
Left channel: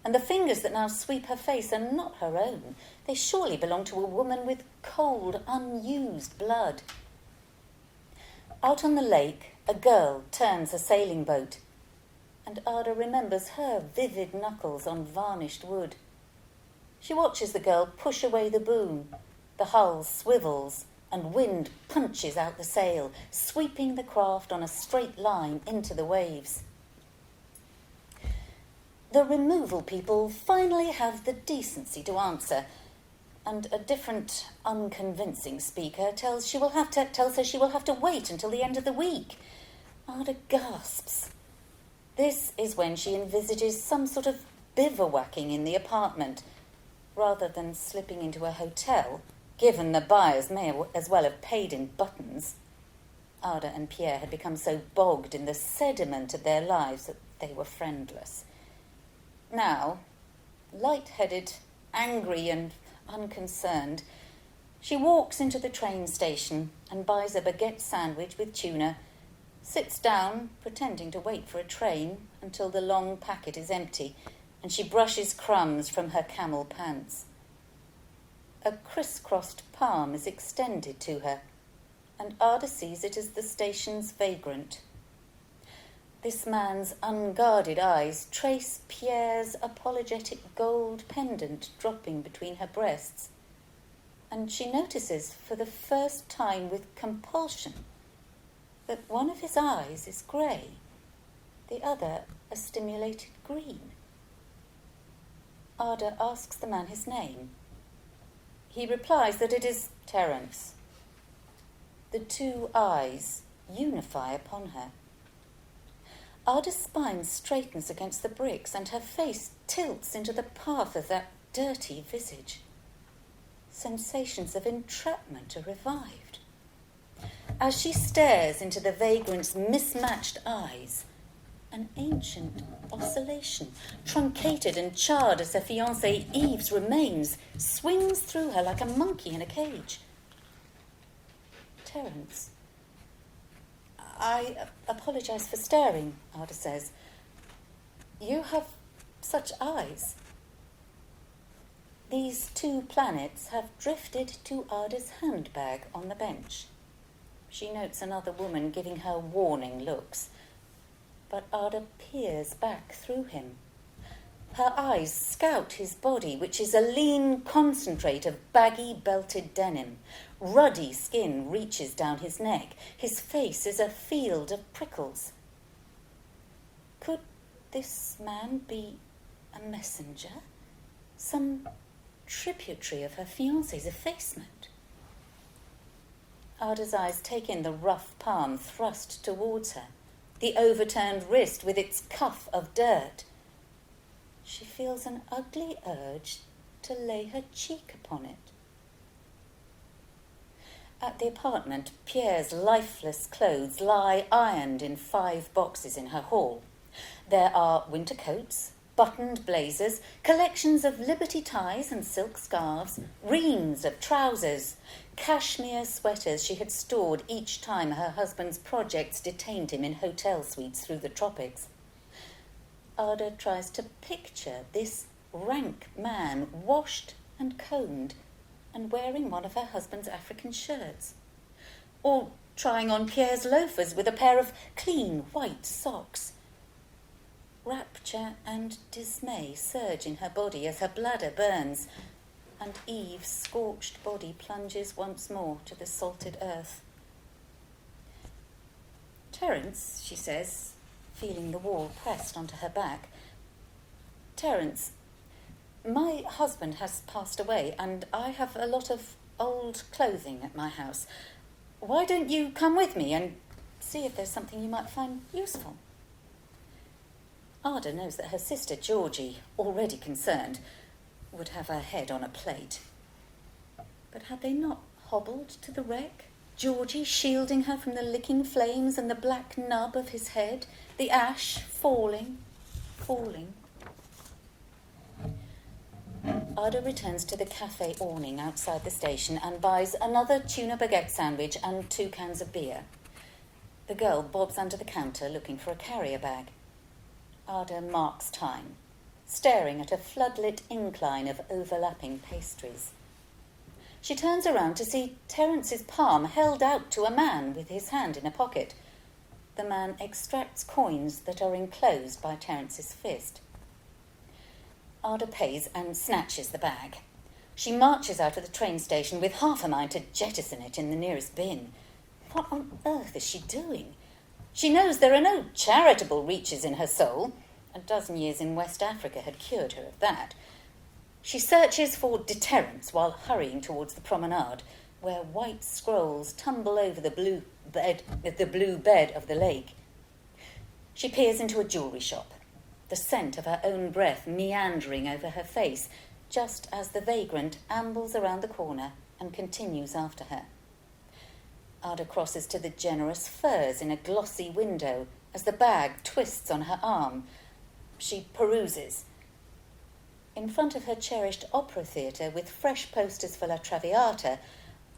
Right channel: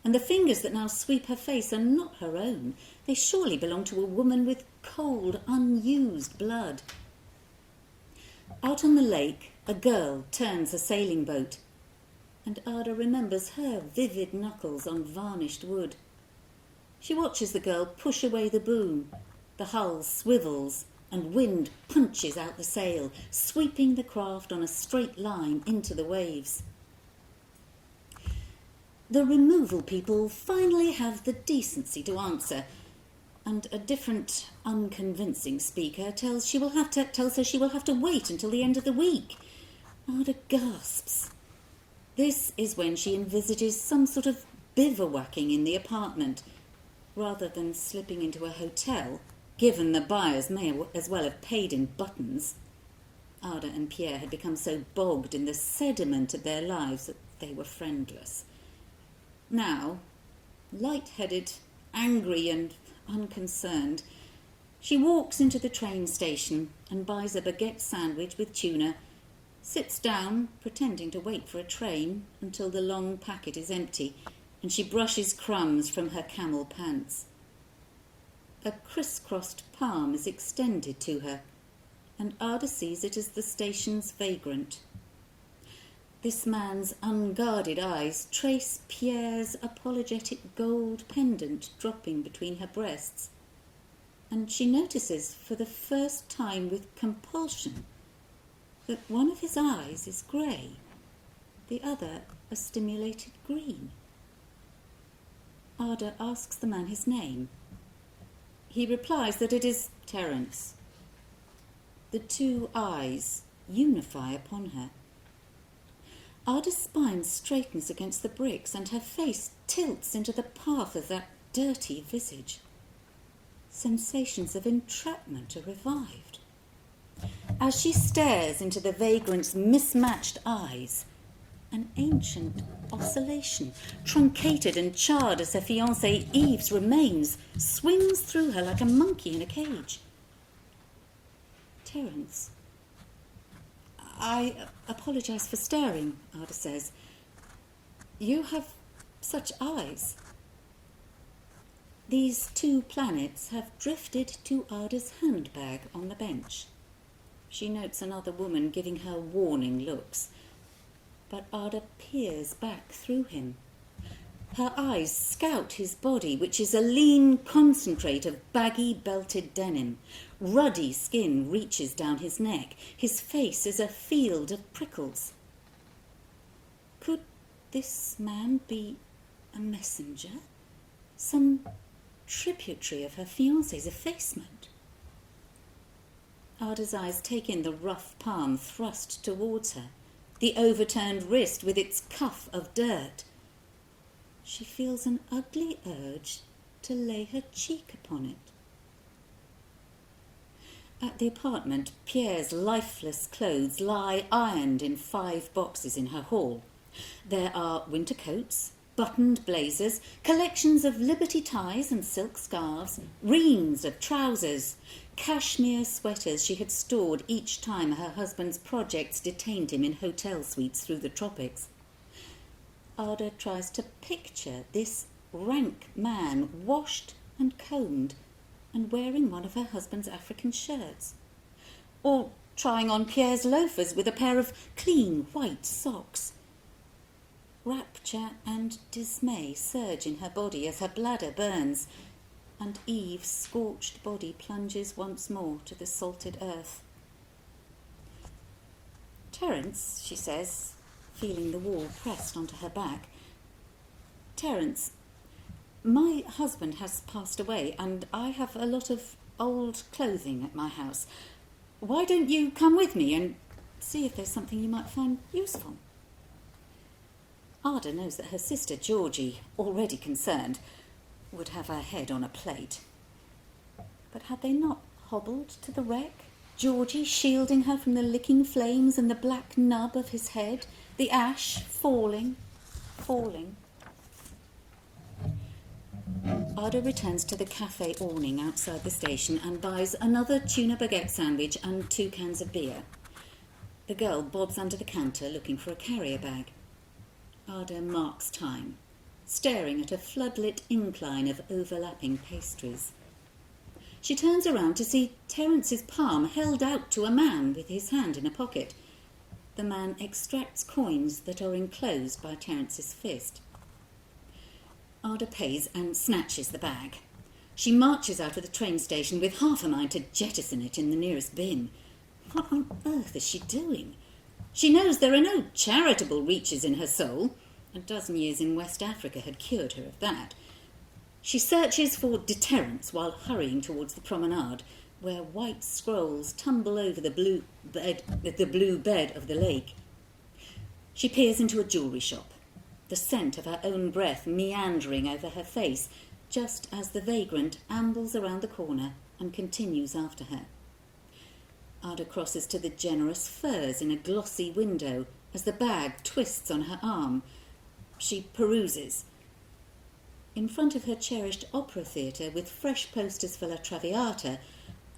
and the fingers that now sweep her face are not her own. They surely belong to a woman with cold, unused blood. Out on the lake, a girl turns a sailing boat, and Ada remembers her vivid knuckles on varnished wood. She watches the girl push away the boom. The hull swivels, and wind punches out the sail, sweeping the craft on a straight line into the waves. The removal people finally have the decency to answer, and a different, unconvincing speaker tells her she will have to wait until the end of the week. Ada gasps. This is when she envisages some sort of bivouacking in the apartment, rather than slipping into a hotel, given the buyers may as well have paid in buttons. Ada and Pierre had become so bogged in the sediment of their lives that they were friendless. Now, light-headed, angry and unconcerned, she walks into the train station and buys a baguette sandwich with tuna, sits down, pretending to wait for a train until the long packet is empty, and she brushes crumbs from her camel pants. A criss-crossed palm is extended to her, and Ada sees it as the station's vagrant. This man's unguarded eyes trace Pierre's apologetic gold pendant dropping between her breasts, and she notices for the first time with compulsion that one of his eyes is grey, the other a stimulated green. Ada asks the man his name. He replies that it is Terence. The two eyes unify upon her. Ada's spine straightens against the bricks, and her face tilts into the path of that dirty visage. Sensations of entrapment are revived. As she stares into the vagrant's mismatched eyes, an ancient oscillation, truncated and charred as her fiancé Yves remains, swings through her like a monkey in a cage. Terence. I apologise for staring, Ada says. You have such eyes. These two planets have drifted to Ada's handbag on the bench. She notes another woman giving her warning looks, but Ada peers back through him. Her eyes scout his body, which is a lean concentrate of baggy belted denim. Ruddy skin reaches down his neck. His face is a field of prickles. Could this man be a messenger? Some tributary of her fiancé's effacement? Ada's eyes take in the rough palm thrust towards her, the overturned wrist with its cuff of dirt. She feels an ugly urge to lay her cheek upon it. At the apartment, Pierre's lifeless clothes lie ironed in 5 boxes in her hall. There are winter coats, buttoned blazers, collections of Liberty ties and silk scarves, reams of trousers, cashmere sweaters she had stored each time her husband's projects detained him in hotel suites through the tropics. Ada tries to picture this rank man, washed and combed, and wearing one of her husband's African shirts, or trying on Pierre's loafers with a pair of clean white socks. Rapture and dismay surge in her body as her bladder burns, and Eve's scorched body plunges once more to the salted earth. Terence, she says, feeling the wall pressed onto her back. Terence, My husband has passed away and I have a lot of old clothing at my house. Why don't you come with me and see if there's something you might find useful? Ada knows that her sister Georgie, already concerned, would have her head on a plate. But had they not hobbled to the wreck, Georgie shielding her from the licking flames and the black nub of his head, the ash falling. Ada returns to the cafe awning outside the station and buys another tuna baguette sandwich and 2 cans of beer. The girl bobs under the counter looking for a carrier bag. Ada marks time, staring at a floodlit incline of overlapping pastries. She turns around to see Terence's palm held out to a man with his hand in a pocket. The man extracts coins that are enclosed by Terence's fist. Ada pays and snatches the bag. She marches out of the train station with half a mind to jettison it in the nearest bin. What on earth is she doing? She knows there are no charitable reaches in her soul. A dozen years in West Africa had cured her of that. She searches for deterrence while hurrying towards the promenade, where white scrolls tumble over the blue bed of the lake. She peers into a jewellery shop, the scent of her own breath meandering over her face, just as the vagrant ambles around the corner and continues after her. Ada crosses to the generous furs in a glossy window as the bag twists on her arm. She peruses. In front of her cherished opera theatre with fresh posters for La Traviata,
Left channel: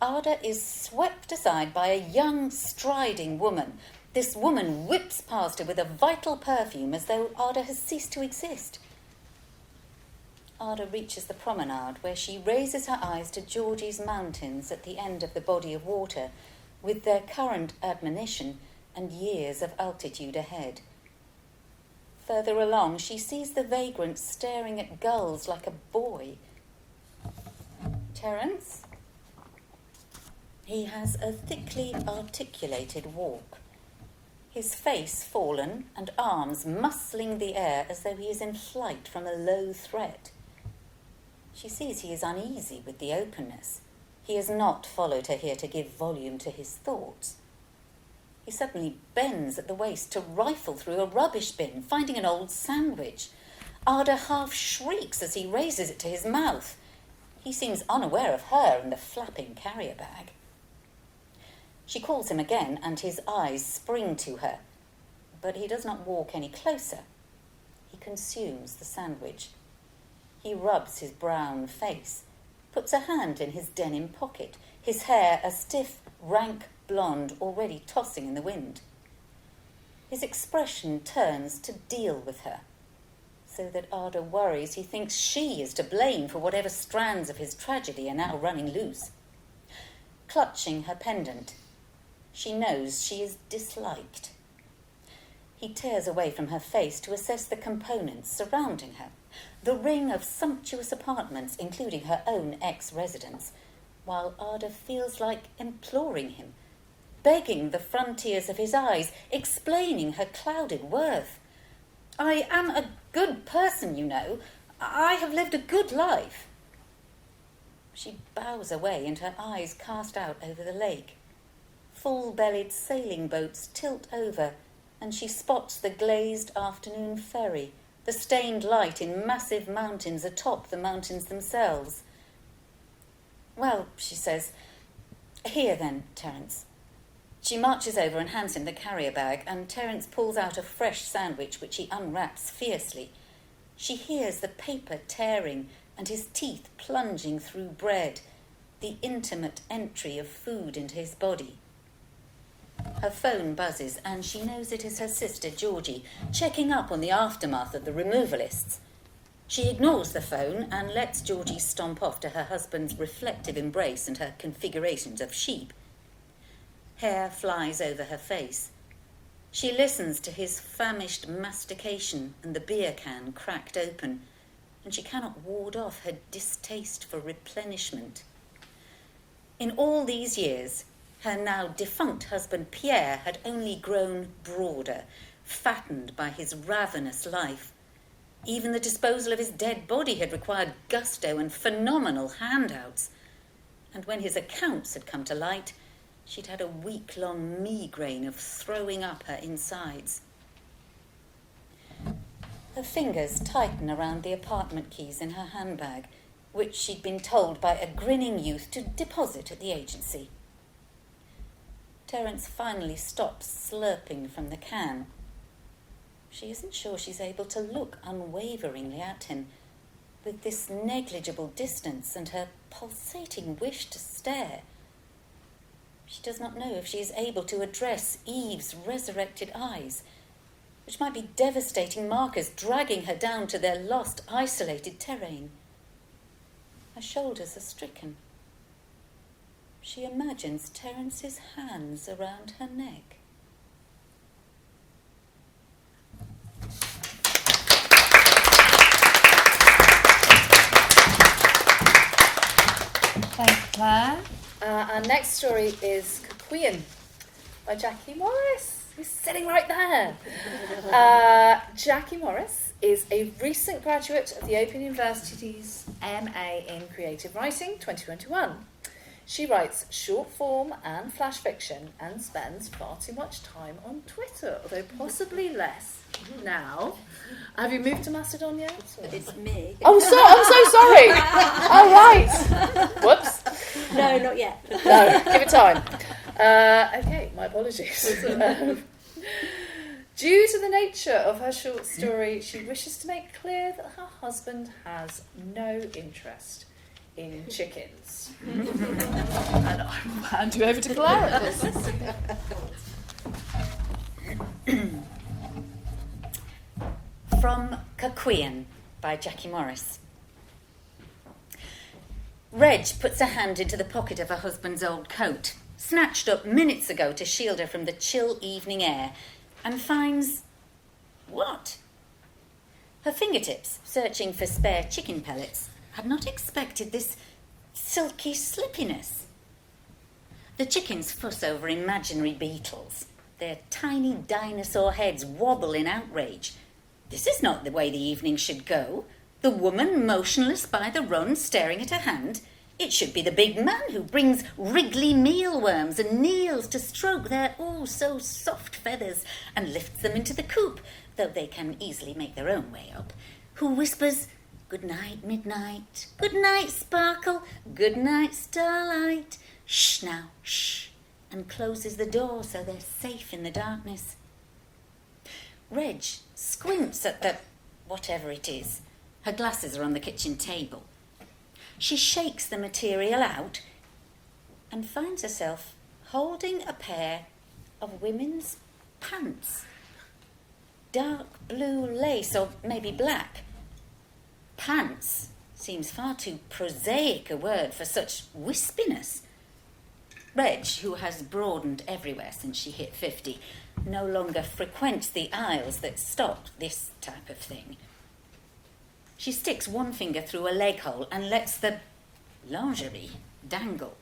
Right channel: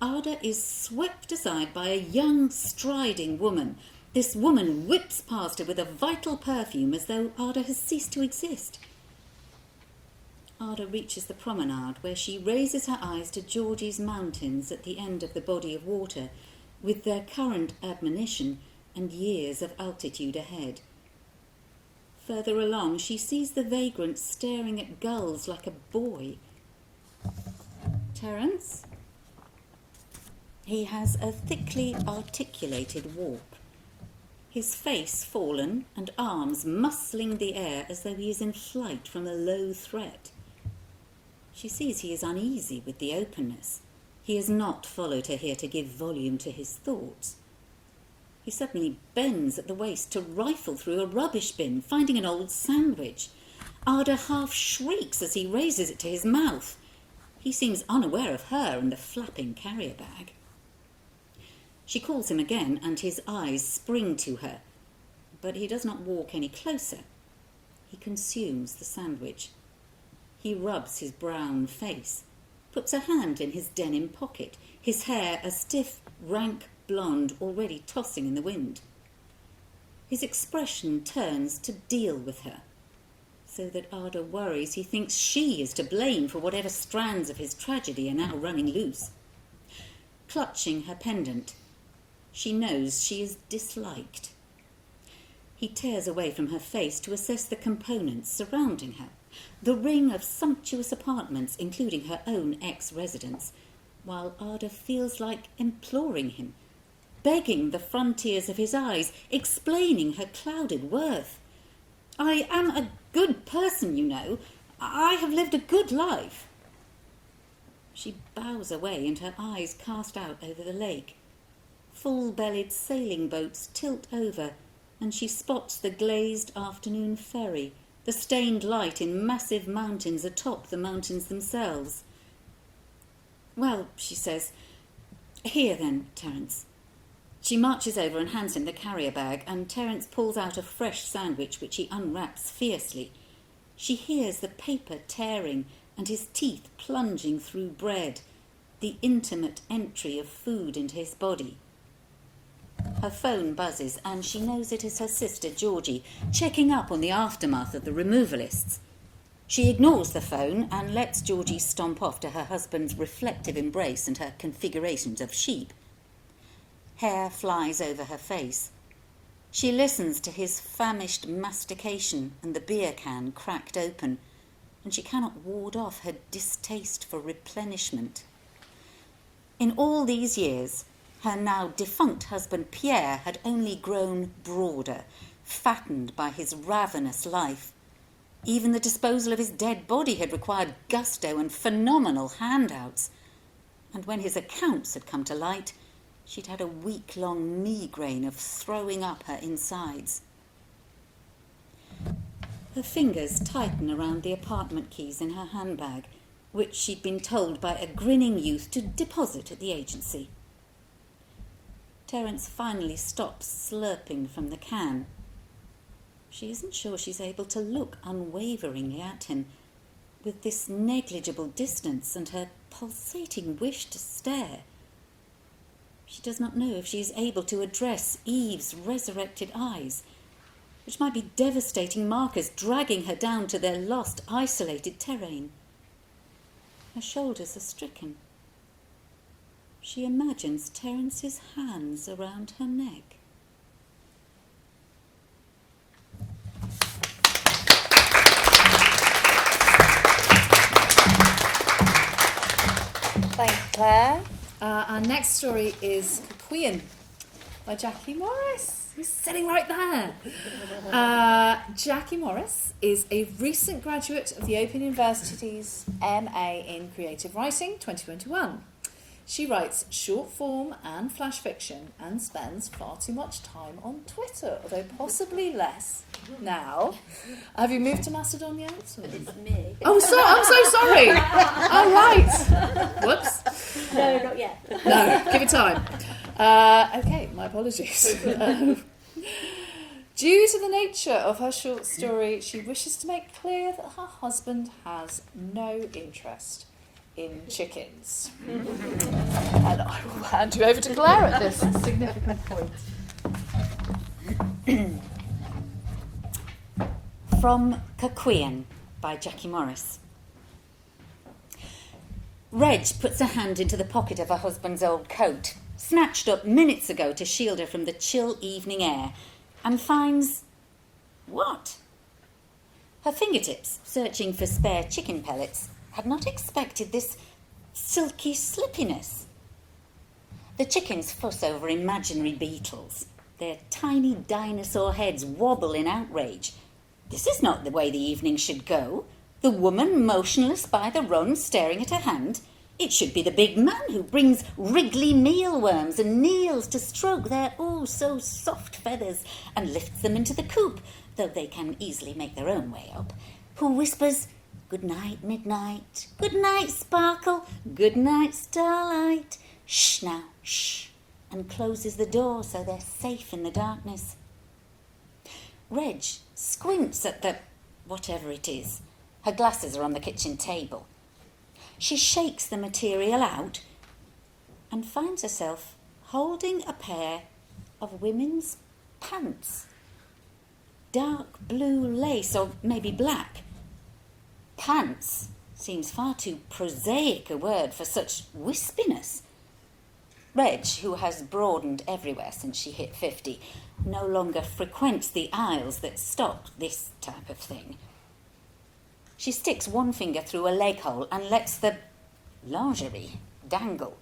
Ada is swept aside by a young, striding woman. This woman whips past her with a vital perfume as though Ada has ceased to exist. Ada reaches the promenade where she raises her eyes to Georgie's mountains at the end of the body of water, with their current admonition and years of altitude ahead. Further along, she sees the vagrant staring at gulls like a boy. Terence? He has a thickly articulated walk, his face fallen and arms muscling the air as though he is in flight from a low threat. She sees he is uneasy with the openness. He has not followed her here to give volume to his thoughts. He suddenly bends at the waist to rifle through a rubbish bin, finding an old sandwich. Ada half shrieks as he raises it to his mouth. He seems unaware of her and the flapping carrier bag. She calls him again, and his eyes spring to her. But he does not walk any closer. He consumes the sandwich. He rubs his brown face, puts a hand in his denim pocket, his hair a stiff, rank blonde already tossing in the wind. His expression turns to deal with her, so that Ada worries he thinks she is to blame for whatever strands of his tragedy are now running loose. Clutching her pendant, she knows she is disliked. He tears away from her face to assess the components surrounding her, the ring of sumptuous apartments, including her own ex-residence, while Ada feels like imploring him, begging the frontiers of his eyes, explaining her clouded worth. I am a good person, you know. I have lived a good life. She bows away and her eyes cast out over the lake. Full-bellied sailing boats tilt over, and she spots the glazed afternoon ferry, the stained light in massive mountains atop the mountains themselves. Well, she says, here then, Terence. She marches over and hands him the carrier bag, and Terence pulls out a fresh sandwich which he unwraps fiercely. She hears the paper tearing and his teeth plunging through bread, the intimate entry of food into his body. Her phone buzzes, and she knows it is her sister Georgie, checking up on the aftermath of the removalists. She ignores the phone and lets Georgie stomp off to her husband's reflective embrace and her configurations of sheep. Hair flies over her face. She listens to his famished mastication and the beer can cracked open, and she cannot ward off her distaste for replenishment. In all these years, her now defunct husband Pierre had only grown broader, fattened by his ravenous life. Even the disposal of his dead body had required gusto and phenomenal handouts. And when his accounts had come to light, she'd had a week-long migraine of throwing up her insides. Her fingers tighten around the apartment keys in her handbag, which she'd been told by a grinning youth to deposit at the agency. Terence finally stops slurping from the can. She isn't sure she's able to look unwaveringly at him, with this negligible distance and her pulsating wish to stare. She does not know if she is able to address Eve's resurrected eyes, which might be devastating markers dragging her down to their lost, isolated terrain. Her shoulders are stricken. She imagines Terence's hands around her neck. Thank you, Claire. Our next story is Cuckquean by Jackie Morris, who's sitting right there. Jackie Morris is a recent graduate of the Open University's MA in Creative Writing 2021. She writes short form and flash fiction and spends far too much time on Twitter, although possibly less now. Have you moved to Macedon yet? Or? It's me. Oh, I'm so sorry. Oh, right. Whoops. No, not yet. No, give it time. Okay, my apologies. Due to the nature of her short story, she wishes to make clear that her husband has no interest in chickens. And I will hand you over to Claire at this significant point. From Cuckquean by Jackie Morris. Reg puts a hand into the pocket of her husband's old coat, snatched up minutes ago to shield her from the chill evening air, and finds... what? Her fingertips, searching for spare chicken pellets, had not expected this silky slippiness. The chickens fuss over imaginary beetles. Their tiny dinosaur heads wobble in outrage. This is not the way the evening should go. The woman motionless by the run, staring at her hand. It should be the big man who brings wriggly mealworms and kneels to stroke their oh-so-soft feathers and lifts them into the coop, though they can easily make their own way up, who whispers, "Good night, midnight. Good night, sparkle. Good night, starlight. Shh now, shh," and closes the door so they're safe in the darkness. Reg squints at the whatever it is. Her glasses are on the kitchen table. She shakes the material out and finds herself holding a pair of women's pants. Dark blue lace, or maybe black. Pants seems far too prosaic a word for such wispiness. Reg, who has broadened everywhere since she hit 50, no longer frequents the aisles that stock this type of thing. She sticks one finger through a leg hole and lets the lingerie dangle.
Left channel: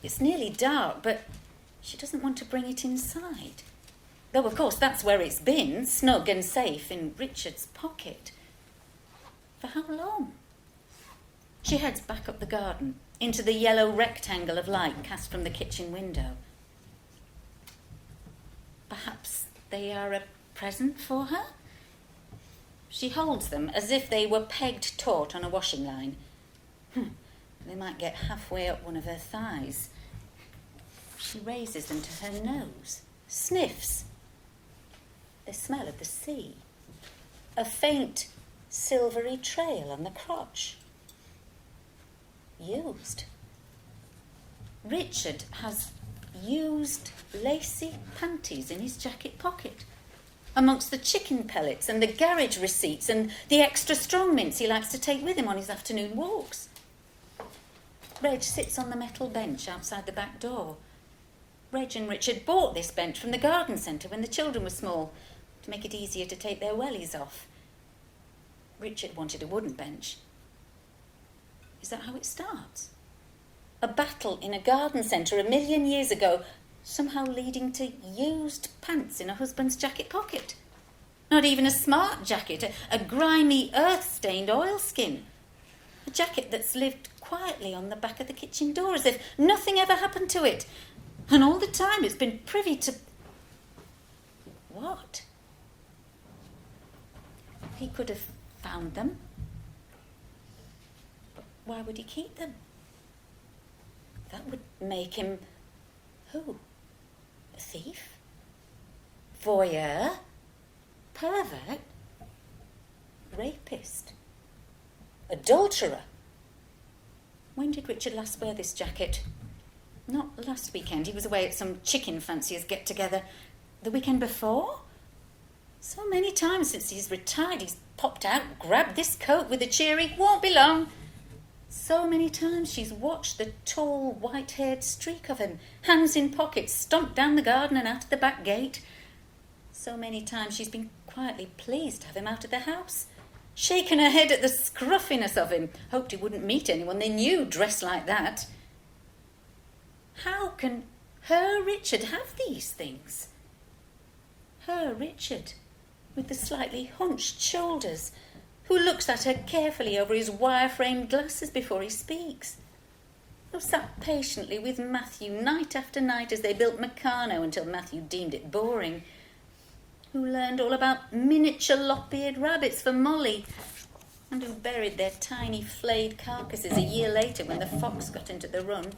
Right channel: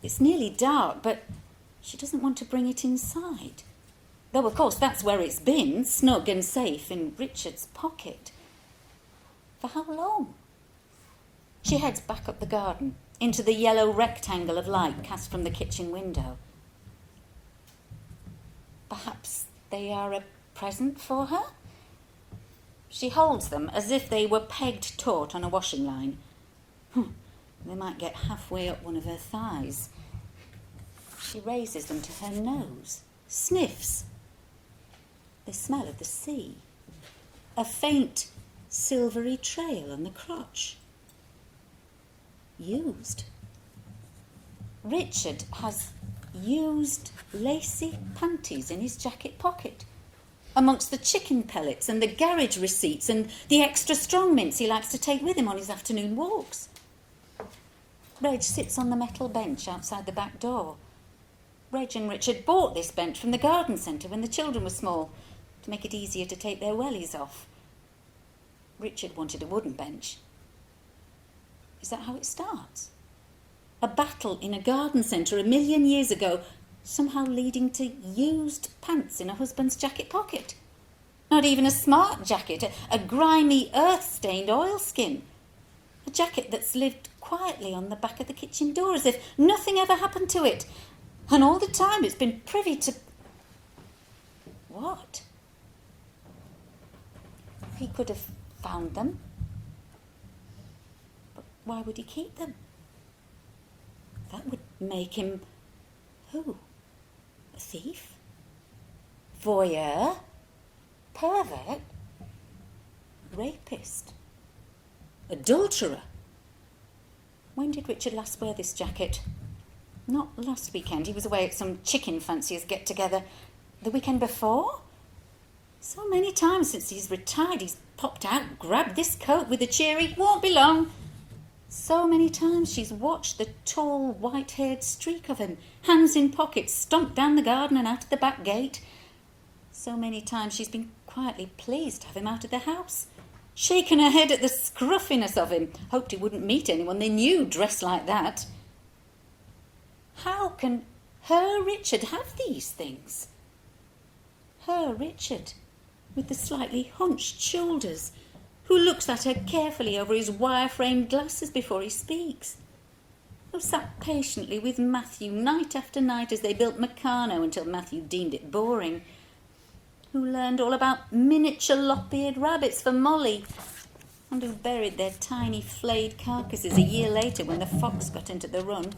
It's nearly dark, but she doesn't want to bring it inside. Though, of course, that's where it's been, snug and safe in Richard's pocket. For how long? She heads back up the garden, into the yellow rectangle of light cast from the kitchen window. Perhaps they are a present for her? She holds them as if they were pegged taut on a washing line. They might get halfway up one of her thighs. She raises them to her nose, sniffs. They smell of the sea. A faint, silvery trail on the crotch. Used. Richard has used lacy panties in his jacket pocket, amongst the chicken pellets and the garage receipts and the extra strong mints he likes to take with him on his afternoon walks. Reg sits on the metal bench outside the back door. Reg and Richard bought this bench from the garden centre when the children were small, to make it easier to take their wellies off. Richard wanted a wooden bench. Is that how it starts? A battle in a garden centre 1,000,000 years ago, somehow leading to used pants in a husband's jacket pocket. Not even a smart jacket, a grimy, earth-stained oilskin. A jacket that's lived quietly on the back of the kitchen door as if nothing ever happened to it. And all the time it's been privy to... What? He could have found them. But why would he keep them? That would make him... Who? A thief? Voyeur? Pervert? Rapist? Adulterer? When did Richard last wear this jacket? Not last weekend. He was away at some chicken fanciers get-together. The weekend before? So many times since he's retired, he's popped out, grabbed this coat with a cheery, "Won't be long." So many times she's watched the tall, white-haired streak of him, hands in pockets, stomped down the garden and out of the back gate. So many times she's been quietly pleased to have him out of the house, shaken her head at the scruffiness of him, hoped he wouldn't meet anyone they knew dressed like that. How can her Richard have these things? Her Richard, with the slightly hunched shoulders, who looks at her carefully over his wire-framed glasses before he speaks, who sat patiently with Matthew night after night as they built Meccano until Matthew deemed it boring, who learned all about miniature lop-eared rabbits for Molly, and who buried their tiny flayed carcasses a year later when the fox got into the run.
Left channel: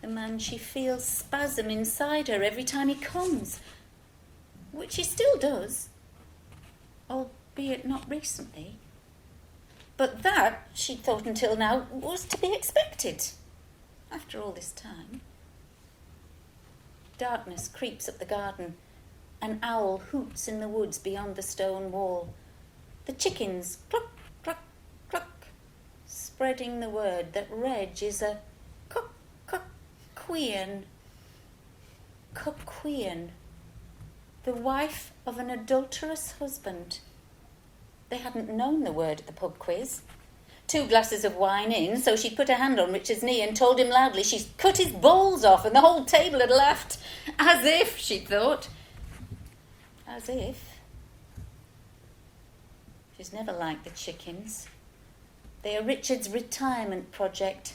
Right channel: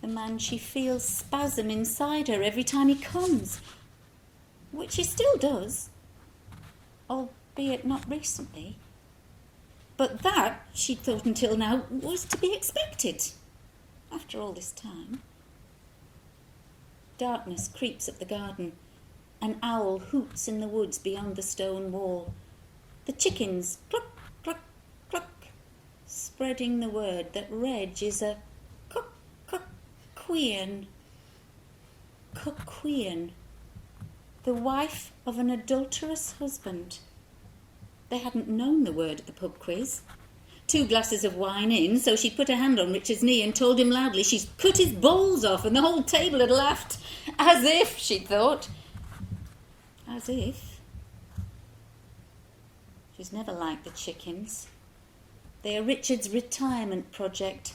The man she feels spasm inside her every time he comes, which he still does, albeit not recently. But that, she'd thought until now, was to be expected, after all this time. Darkness creeps up the garden. An owl hoots in the woods beyond the stone wall. The chickens cluck, cluck, cluck, spreading the word that Reg is a Cuckquean. Cuckquean. The wife of an adulterous husband. They hadn't known the word at the pub quiz. 2 glasses of wine in, so she put her hand on Richard's knee and told him loudly she's cut his balls off, and the whole table had laughed. As if, she'd thought. As if. She's never liked the chickens. They are Richard's retirement project.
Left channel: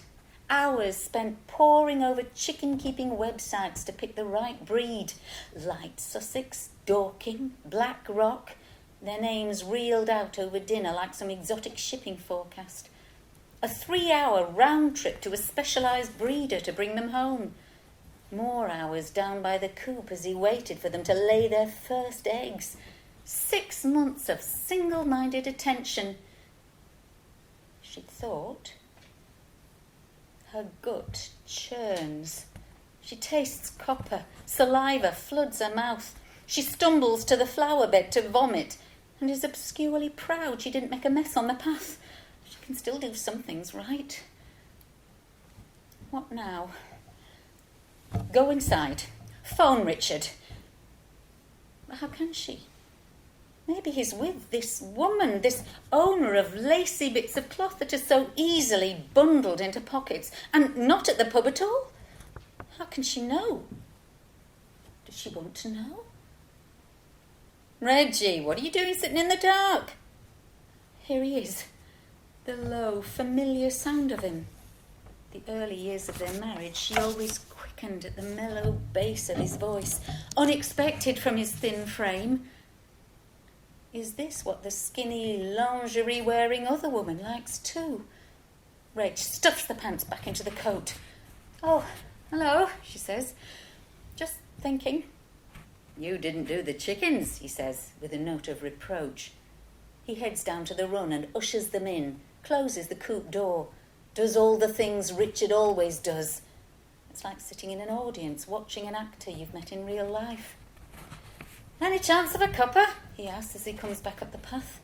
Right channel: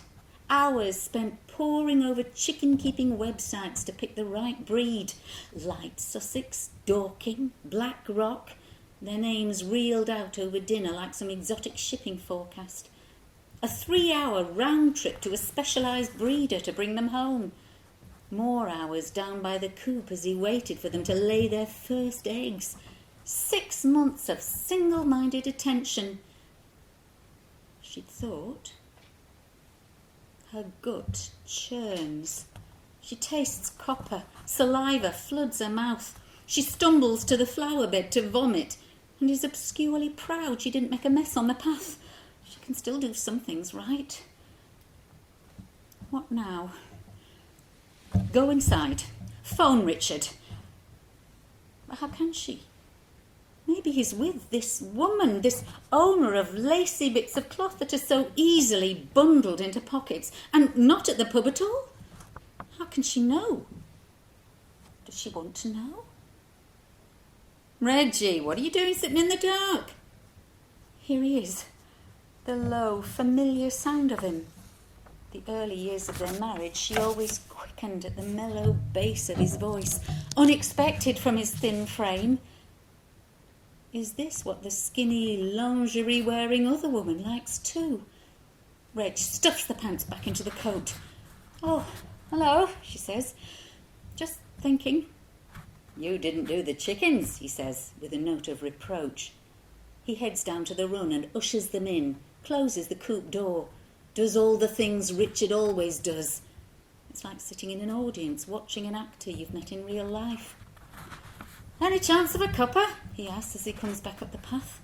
Hours spent poring over chicken-keeping websites to pick the right breed. Light Sussex, Dorking, Black Rock. Their names reeled out over dinner like some exotic shipping forecast. A 3-hour round trip to a specialised breeder to bring them home. More hours down by the coop as he waited for them to lay their first eggs. 6 months of single-minded attention. She'd thought. Her gut churns. She tastes copper. Saliva floods her mouth. She stumbles to the flower bed to vomit and is obscurely proud she didn't make a mess on the path. She can still do some things right. What now? Go inside. Phone Richard. But how can she? Maybe he's with this woman, this owner of lacy bits of cloth that are so easily bundled into pockets, and not at the pub at all. How can she know? Does she want to know? Reggie, what are you doing sitting in the dark? Here he is, the low, familiar sound of him. The early years of their marriage, she always quickened at the mellow bass of his voice, unexpected from his thin frame. Is this what the skinny, lingerie-wearing other woman likes too? Reg stuffs the pants back into the coat. Oh, hello, she says. Just thinking. You didn't do the chickens, he says, with a note of reproach. He heads down to the run and ushers them in, closes the coop door, does all the things Richard always does. It's like sitting in an audience, watching an actor you've met in real life. Any chance of a cuppa? He asks as he comes back up the path.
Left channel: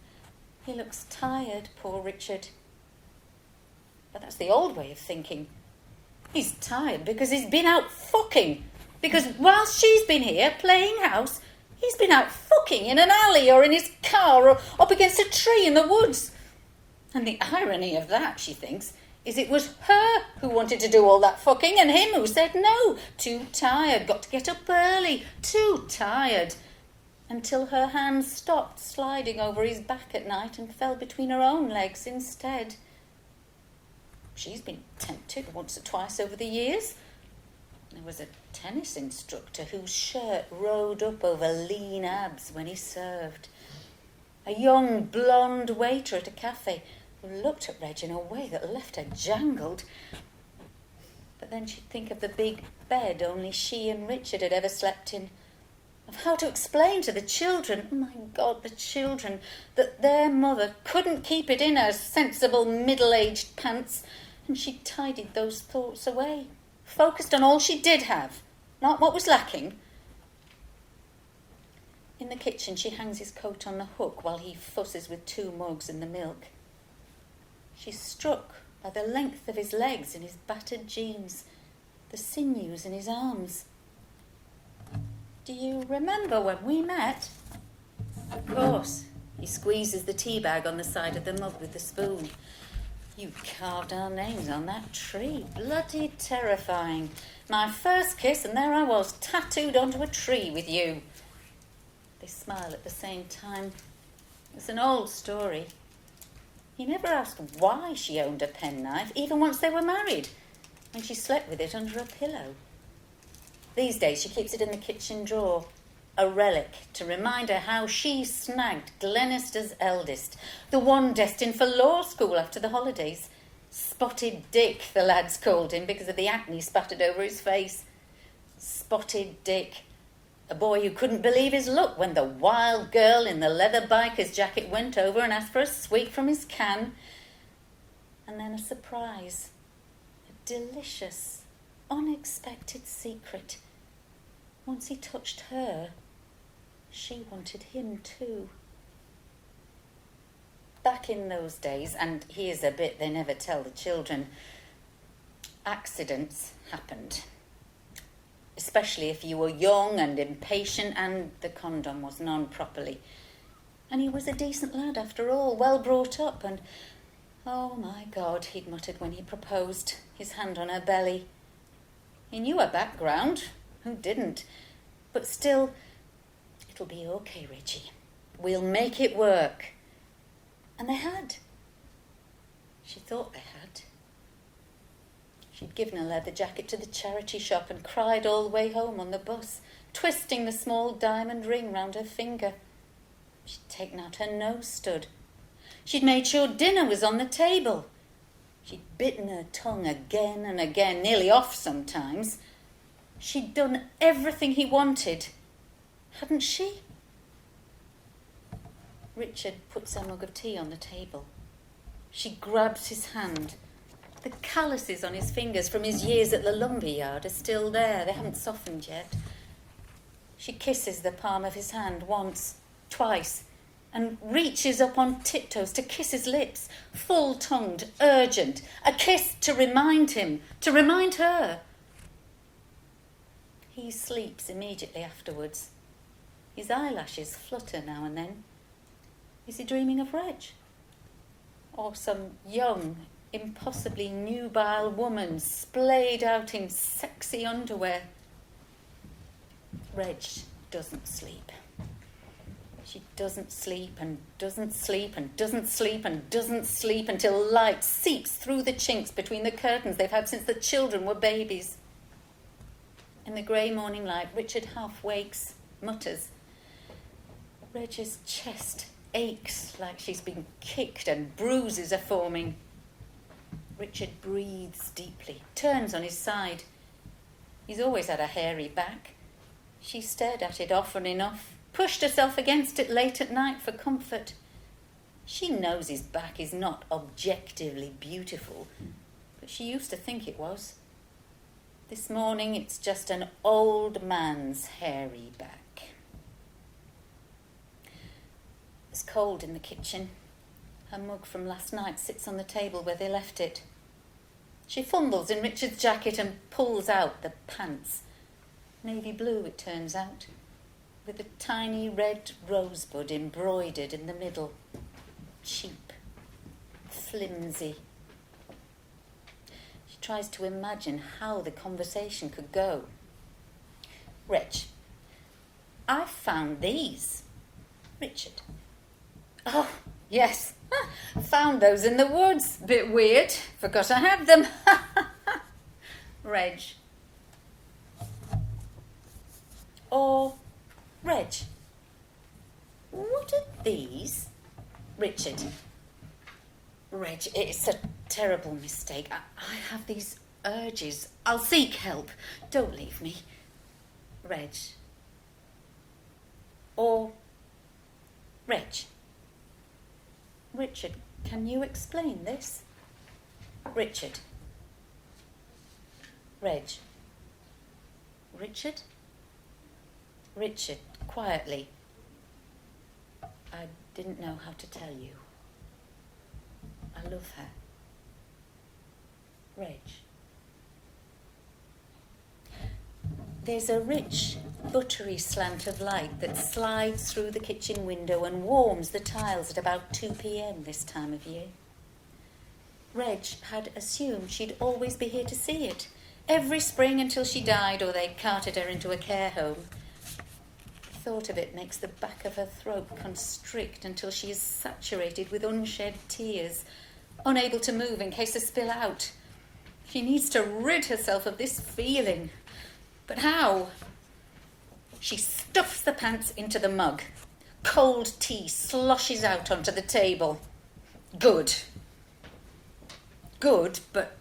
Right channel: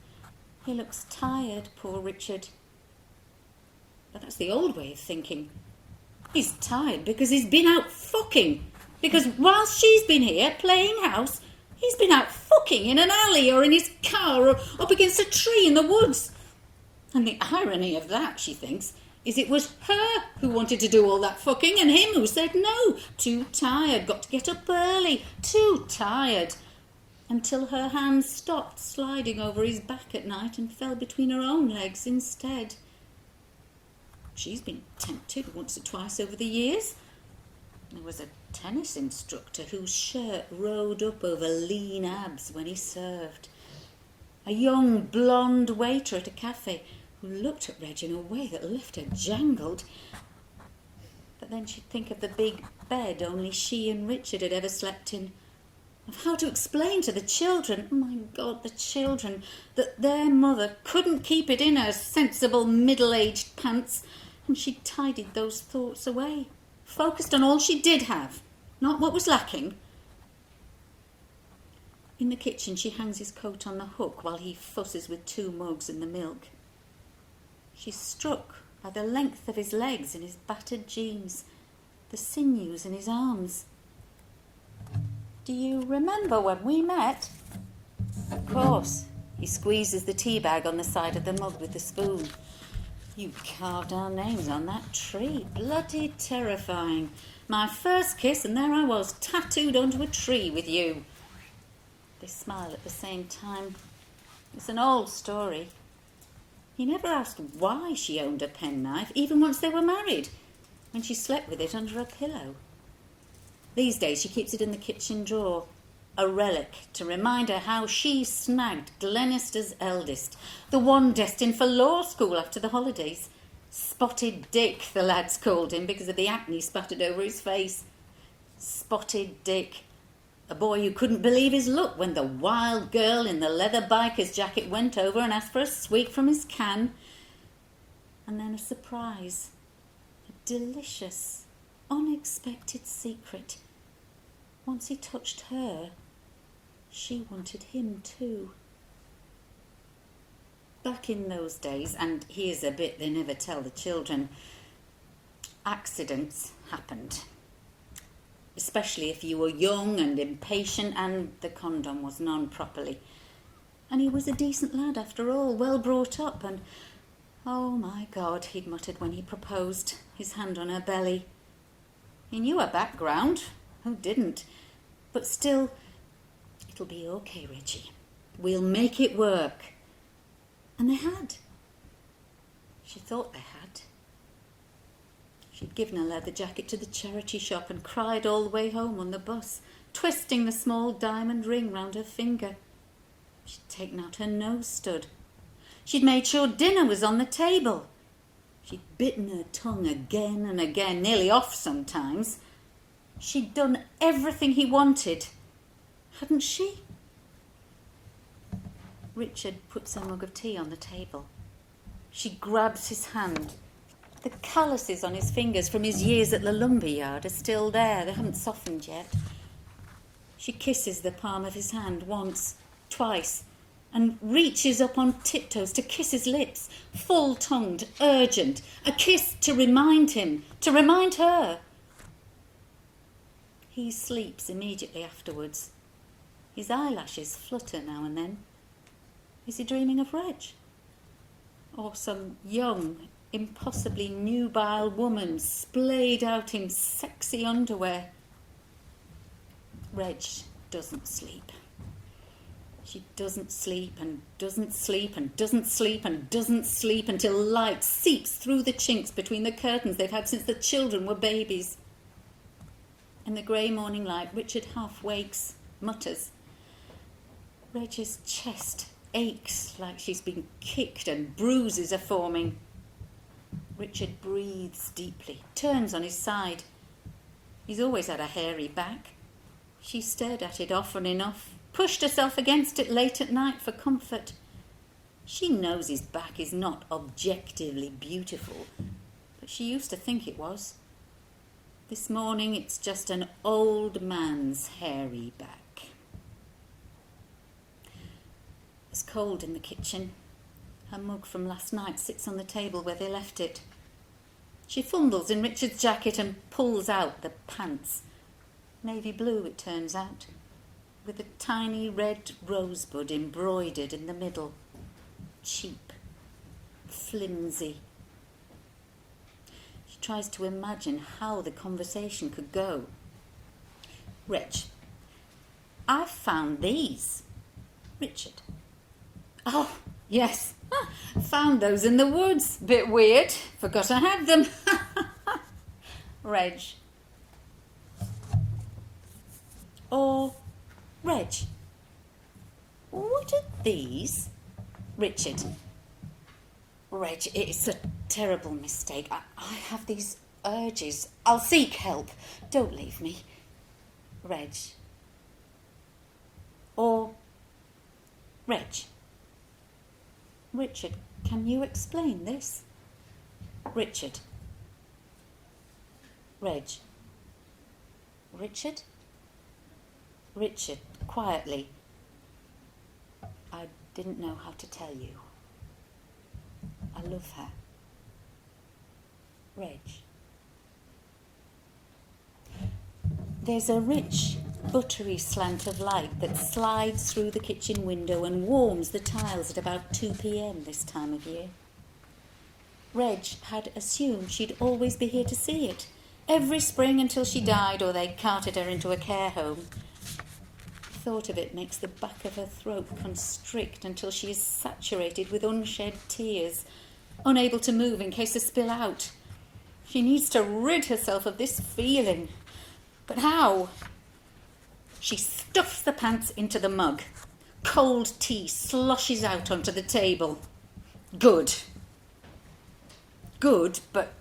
He looks tired, poor Richard. But that's the old way of thinking. He's tired because he's been out fucking. Because whilst she's been here playing house, he's been out fucking in an alley or in his car or up against a tree in the woods. And the irony of that, she thinks, is it was her who wanted to do all that fucking and him who said no. Too tired, got to get up early, too tired. until her hand stopped sliding over his back at night and fell between her own legs instead. She's been tempted once or twice over the years. There was a tennis instructor whose shirt rode up over lean abs when he served. A young blonde waiter at a cafe who looked at Reg in a way that left her jangled. But then she'd think of the big bed only she and Richard had ever slept in, of how to explain to the children, oh my God, the children, that their mother couldn't keep it in her sensible middle-aged pants, and she tidied those thoughts away, focused on all she did have, not what was lacking. In the kitchen, she hangs his coat on the hook while he fusses with 2 mugs and the milk. She's struck by the length of his legs and his battered jeans, the sinews in his arms. Do you remember when we met? Of course. He squeezes the tea bag on the side of the mug with the spoon. You carved our names on that tree. Bloody terrifying. My first kiss, and there I was, tattooed onto a tree with you. They smile at the same time. It's an old story. He never asked why she owned a penknife, even once they were married, when she slept with it under a pillow. These days she keeps it in the kitchen drawer, a relic to remind her how she snagged Glenister's eldest, the one destined for law school after the holidays. Spotted Dick, the lads called him because of the acne spattered over his face. Spotted Dick, a boy who couldn't believe his luck when the wild girl in the leather biker's jacket went over and asked for a sweet from his can. And then a surprise, a delicious, unexpected secret. Once he touched her, she wanted him too. Back in those days, and here's a bit they never tell the children, accidents happened. Especially if you were young and impatient and the condom wasn't on properly. And he was a decent lad after all, well brought up, and oh my God, he'd muttered when he proposed, his hand on her belly. He knew her background, who didn't? But still, it'll be okay, Reggie. We'll make it work. And they had. She thought they had. She'd given her leather jacket to the charity shop and cried all the way home on the bus, twisting the small diamond ring round her finger. She'd taken out her nose stud. She'd made sure dinner was on the table. She'd bitten her tongue again and again, nearly off sometimes. She'd done everything he wanted, hadn't she? Richard puts a mug of tea on the table. She grabs his hand. The calluses on his fingers from his years at the lumber yard are still there. They haven't softened yet. She kisses the palm of his hand once, twice, and reaches up on tiptoes to kiss his lips, full-tongued, urgent, a kiss to remind him, to remind her. He sleeps immediately afterwards. His eyelashes flutter now and then. Is he dreaming of Reg? Or some young, impossibly nubile woman splayed out in sexy underwear? Reg doesn't sleep. She doesn't sleep and doesn't sleep and doesn't sleep and doesn't sleep until light seeps through the chinks between the curtains they've had since the children were babies. In the grey morning light, Richard half wakes, mutters. Reg's chest aches like she's been kicked and bruises are forming. Richard breathes deeply, turns on his side. He's always had a hairy back. She stared at it often enough, pushed herself against it late at night for comfort. She knows his back is not objectively beautiful, but she used to think it was. This morning it's just an old man's hairy back. It's cold in the kitchen. Her mug from last night sits on the table where they left it. She fumbles in Richard's jacket and pulls out the pants. Navy blue, it turns out, with a tiny red rosebud embroidered in the middle. Cheap, flimsy. She tries to imagine how the conversation could go. Reg, I found these. Richard. Oh, yes. Found those in the woods. Bit weird. Forgot I had them. Reg. Or Reg. What are these? Richard. Reg, it's a terrible mistake. I have these urges. I'll seek help. Don't leave me. Reg. Or Reg. Richard, can you explain this? Richard. Reg. Richard? Richard, quietly. I didn't know how to tell you. I love her. Reg. There's a rich, buttery slant of light that slides through the kitchen window and warms the tiles at about 2 p.m. this time of year. Reg had assumed she'd always be here to see it, every spring until she died or they carted her into a care home. The thought of it makes the back of her throat constrict until she is saturated with unshed tears, unable to move in case they spill out. She needs to rid herself of this feeling. But how? She stuffs the pants into the mug. Cold tea sloshes out onto the table. Good. Good, but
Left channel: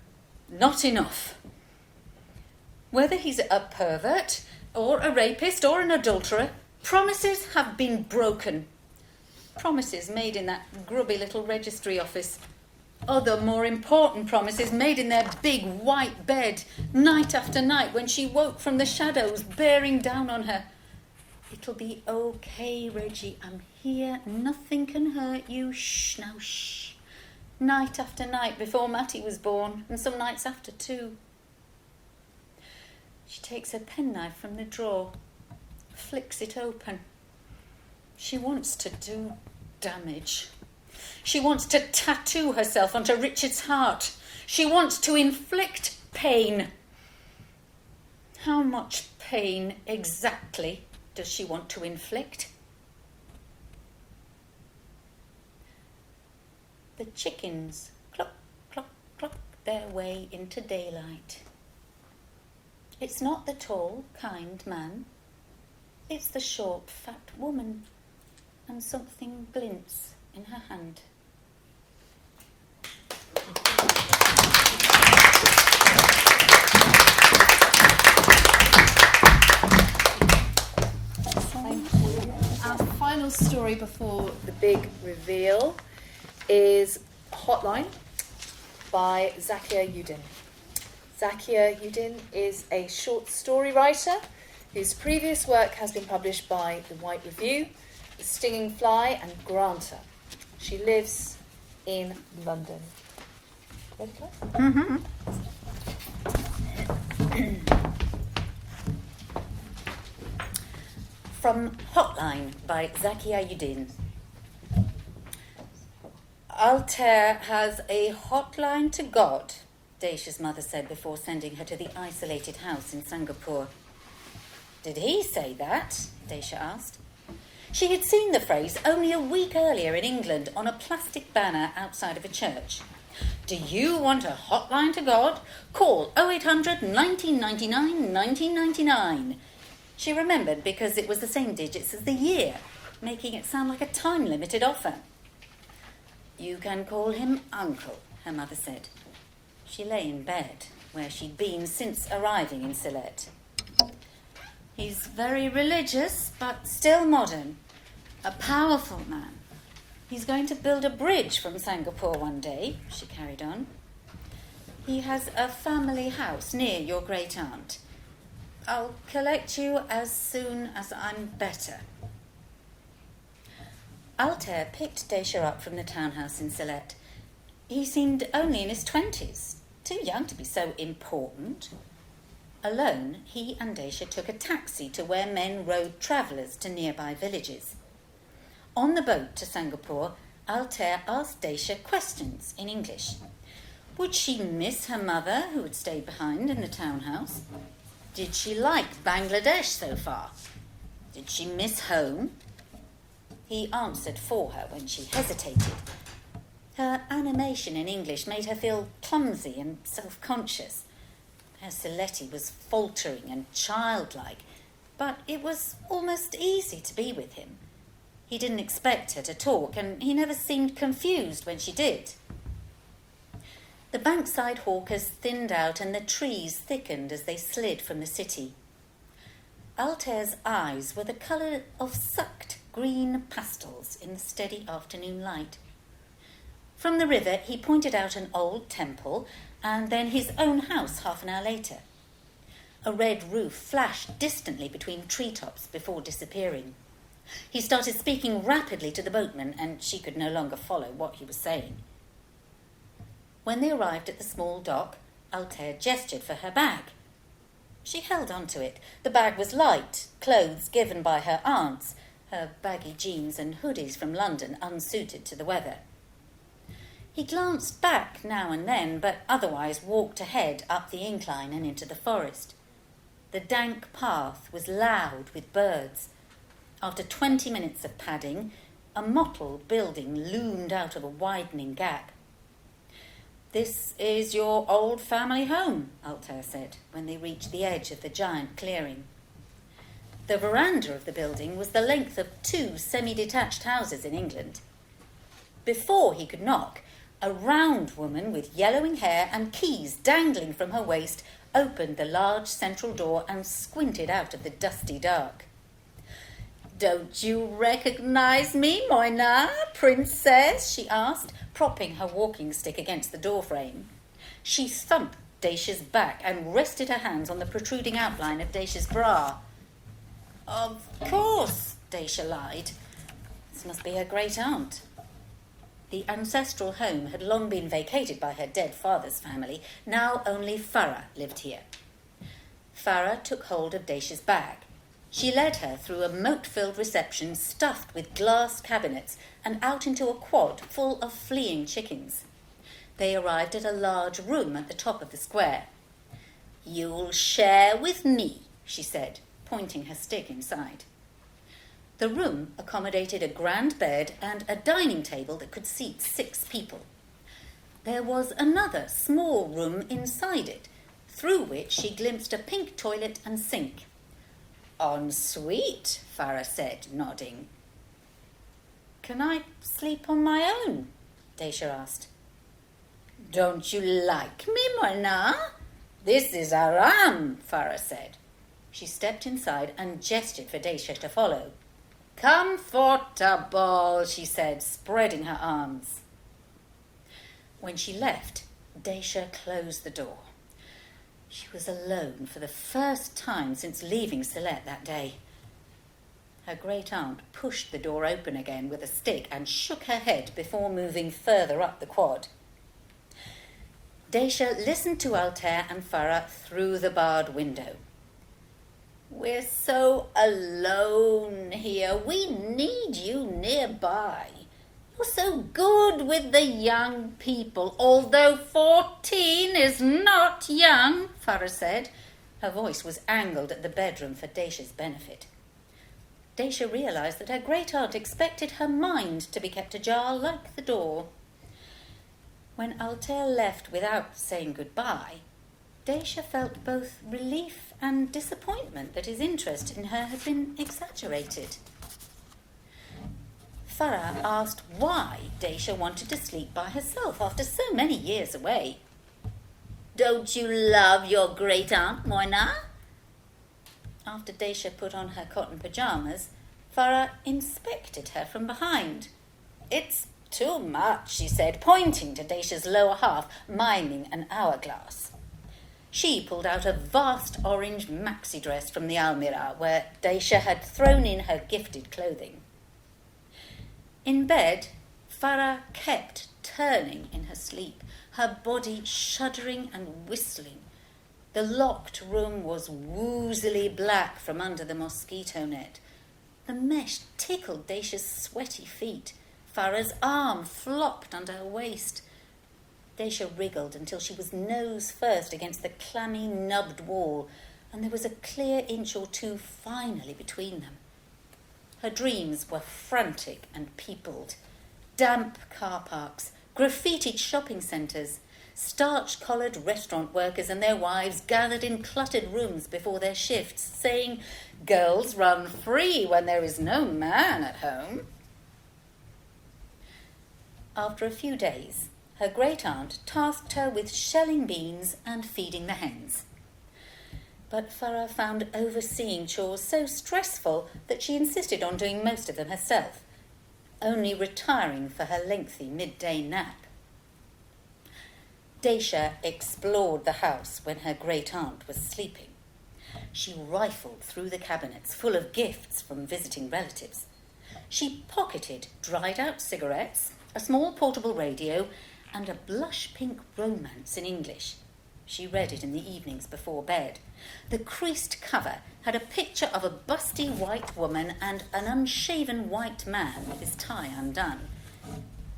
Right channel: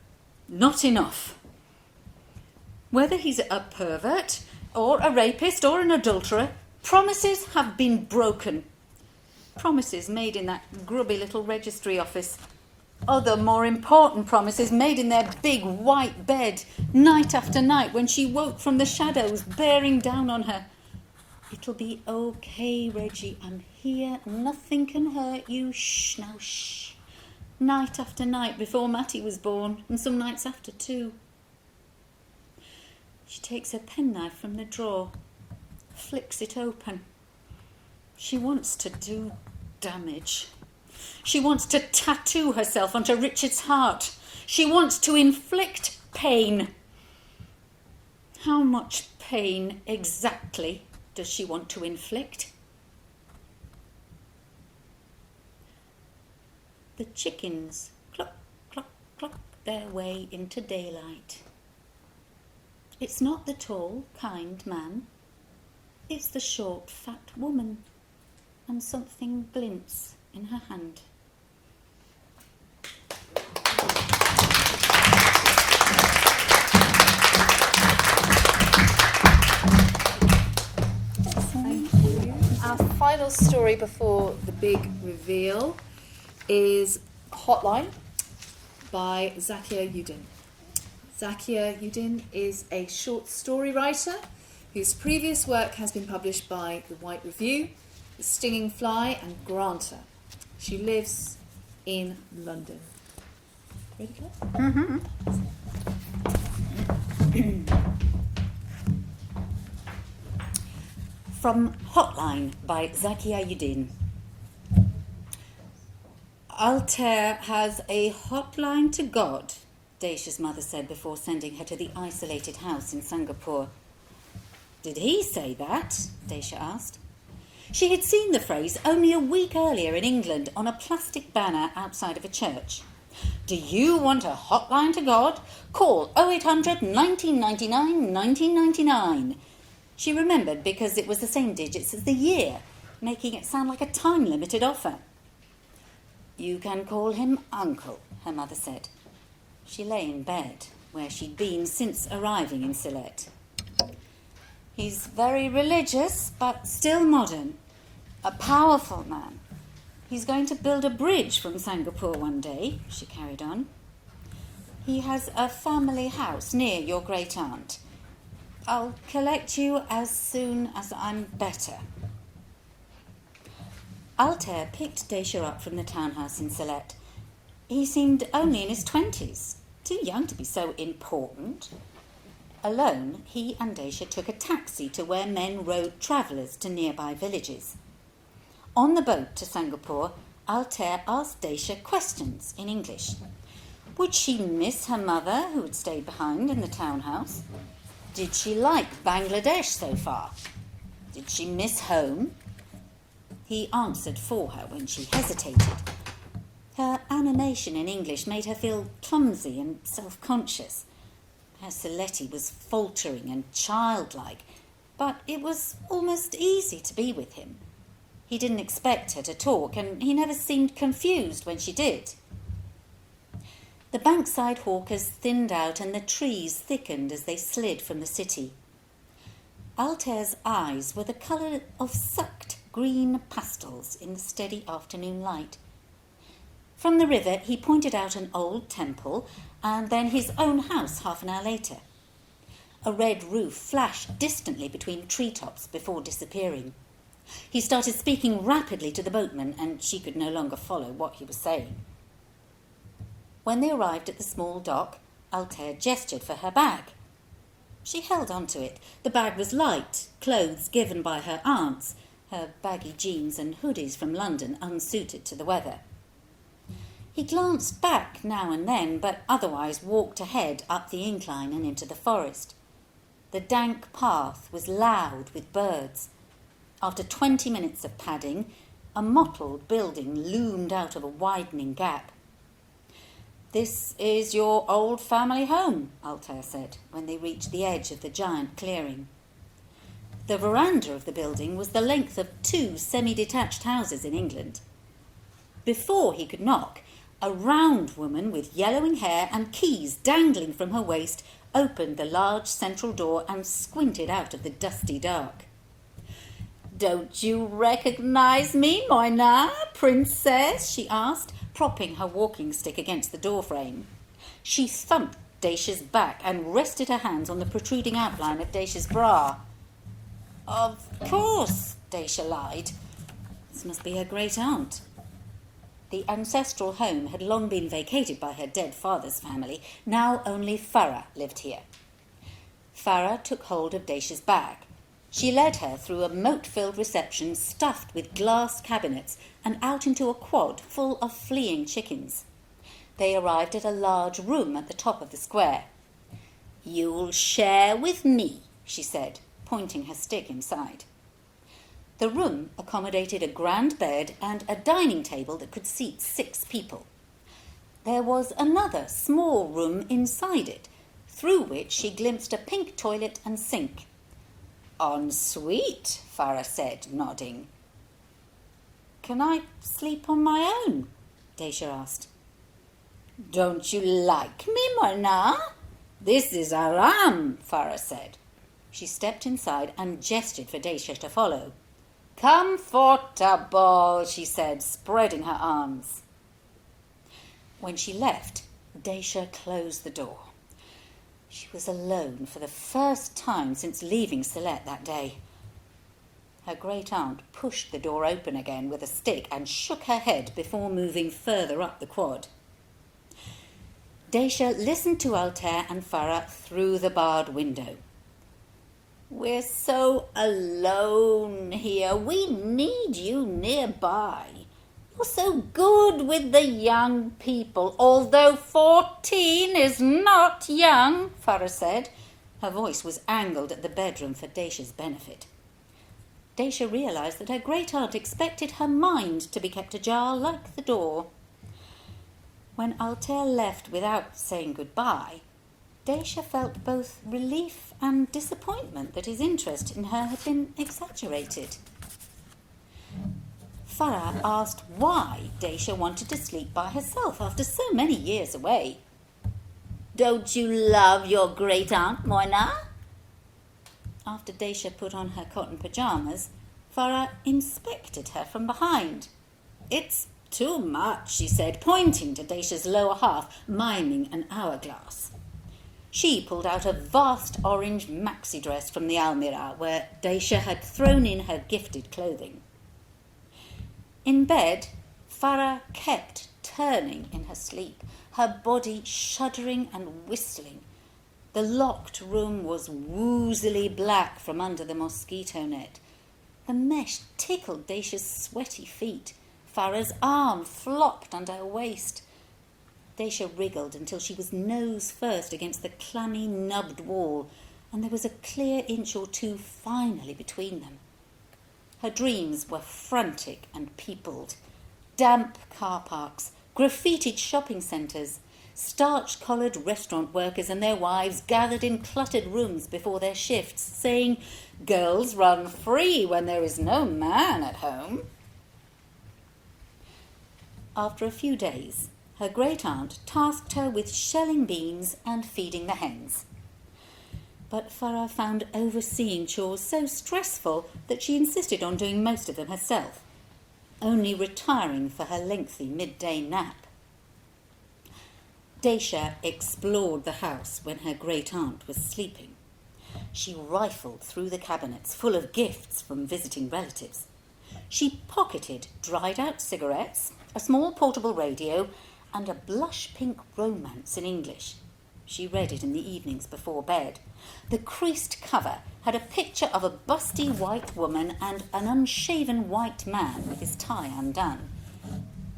not enough. Whether he's a pervert, or a rapist, or an adulterer, promises have been broken. Promises made in that grubby little registry office. Other more important promises made in their big white bed, night after night, when she woke from the shadows bearing down on her. It'll be okay, Reggie. I'm here. Nothing can hurt you. Shh, now shh. Night after night before Matty was born, and some nights after too. She takes her penknife from the drawer, flicks it open. She wants to do damage. She wants to tattoo herself onto Richard's heart. She wants to inflict pain. How much pain exactly does she want to inflict? The chickens cluck, cluck, cluck their way into daylight. It's not the tall, kind man. It's the short, fat woman, and something glints in her hand. Thank you. Our final story before the big reveal is Hotline by Zakia Udin. Zakia Udin is a short story writer whose previous work has been published by The White Review, The Stinging Fly and Granter. She lives in London. Ready, Claire? From Hotline by Zakia Udin. Altair has a hotline to God, Dacia's mother said before sending her to the isolated house in Singapore. Did he say that? Dacia asked. She had seen the phrase only a week earlier in England on a plastic banner outside of a church. Do you want a hotline to God? Call 0800 1999 1999. She remembered because it was the same digits as the year, making it sound like a time-limited offer. You can call him Uncle, her mother said. She lay in bed, where she'd been since arriving in Sylhet. He's very religious, but still modern. A powerful man. He's going to build a bridge from Singapore one day, she carried on. He has a family house near your great-aunt. I'll collect you as soon as I'm better. Altair picked Dacia up from the townhouse in Sylhet. He seemed only in his 20s, too young to be so important. Alone, he and Dacia took a taxi to where men rode travellers to nearby villages. On the boat to Singapore, Altair asked Dacia questions in English. Would she miss her mother, who had stayed behind in the townhouse? Did she like Bangladesh so far? Did she miss home? He answered for her when she hesitated. Her animation in English made her feel clumsy and self-conscious. Her Seletti was faltering and childlike, but it was almost easy to be with him. He didn't expect her to talk, and he never seemed confused when she did. The bankside hawkers thinned out and the trees thickened as they slid from the city. Altair's eyes were the colour of sucked green pastels in the steady afternoon light. From the river he pointed out an old temple and then his own house half an hour later. A red roof flashed distantly between treetops before disappearing. He started speaking rapidly to the boatman and she could no longer follow what he was saying. When they arrived at the small dock, Altair gestured for her bag. She held on to it. The bag was light, clothes given by her aunts, her baggy jeans and hoodies from London unsuited to the weather. He glanced back now and then, but otherwise walked ahead up the incline and into the forest. The dank path was loud with birds. After 20 minutes of padding, a mottled building loomed out of a widening gap. "This is your old family home," Altair said, when they reached the edge of the giant clearing. The veranda of the building was the length of 2 semi-detached houses in England. Before he could knock, a round woman with yellowing hair and keys dangling from her waist opened the large central door and squinted out of the dusty dark. "Don't you recognise me, Moina, princess?" she asked, propping her walking stick against the doorframe. She thumped Dacia's back and rested her hands on the protruding outline of Dacia's bra. "Of course," Dacia lied. This must be her great-aunt. The ancestral home had long been vacated by her dead father's family. Now only Farah lived here. Farah took hold of Dacia's bag. She led her through a moat-filled reception stuffed with glass cabinets and out into a quad full of fleeing chickens. They arrived at a large room at the top of the square. "You'll share with me," she said, pointing her stick inside. The room accommodated a grand bed and a dining table that could seat 6 people. There was another small room inside it, through which she glimpsed a pink toilet and sink. "En suite," Farah said, nodding. "Can I sleep on my own?" Dacia asked. "Don't you like me, Moina? This is Aram," Farah said. She stepped inside and gestured for Dacia to follow. "Comfortable," she said, spreading her arms. When she left, Dacia closed the door. She was alone for the first time since leaving Sylhet that day. Her great-aunt pushed the door open again with a stick and shook her head before moving further up the quad. Dacia listened to Altair and Farah through the barred window. "We're so alone here. We need you nearby. You're so good with the young people, although 14 is not young," Farah said. Her voice was angled at the bedroom for Dacia's benefit. Dacia realised that her great-aunt expected her mind to be kept ajar like the door. When Altair left without saying goodbye, Dacia felt both relief and disappointment that his interest in her had been exaggerated. Farah asked why Dacia wanted to sleep by herself after so many years away. "Don't you love your great-aunt, Moina?" After Dacia put on her cotton pyjamas, Farah inspected her from behind. "It's too much," she said, pointing to Dacia's lower half, miming an hourglass. She pulled out a vast orange maxi dress from the almirah where Dacia had thrown in her gifted clothing. In bed, Farah kept turning in her sleep, her body shuddering and whistling. The locked room was woozily black from under the mosquito net. The mesh tickled Dacia's sweaty feet. Farah's arm flopped under her waist. Dacia wriggled until she was nose first against the clammy, nubbed wall, and there was a clear inch or two finally between them. Her dreams were frantic and peopled. Damp car parks, graffitied shopping centres, starch-collared restaurant workers and their wives gathered in cluttered rooms before their shifts, saying, "Girls run free when there is no man at home." After a few days, her great-aunt tasked her with shelling beans and feeding the hens. But Farah found overseeing chores so stressful that she insisted on doing most of them herself, only retiring for her lengthy midday nap. Daisha explored the house when her great-aunt was sleeping. She rifled through the cabinets full of gifts from visiting relatives. She pocketed dried-out cigarettes, a small portable radio, and a blush-pink romance in English. She read it in the evenings before bed. The creased cover had a picture of a busty white woman and an unshaven white man with his tie undone.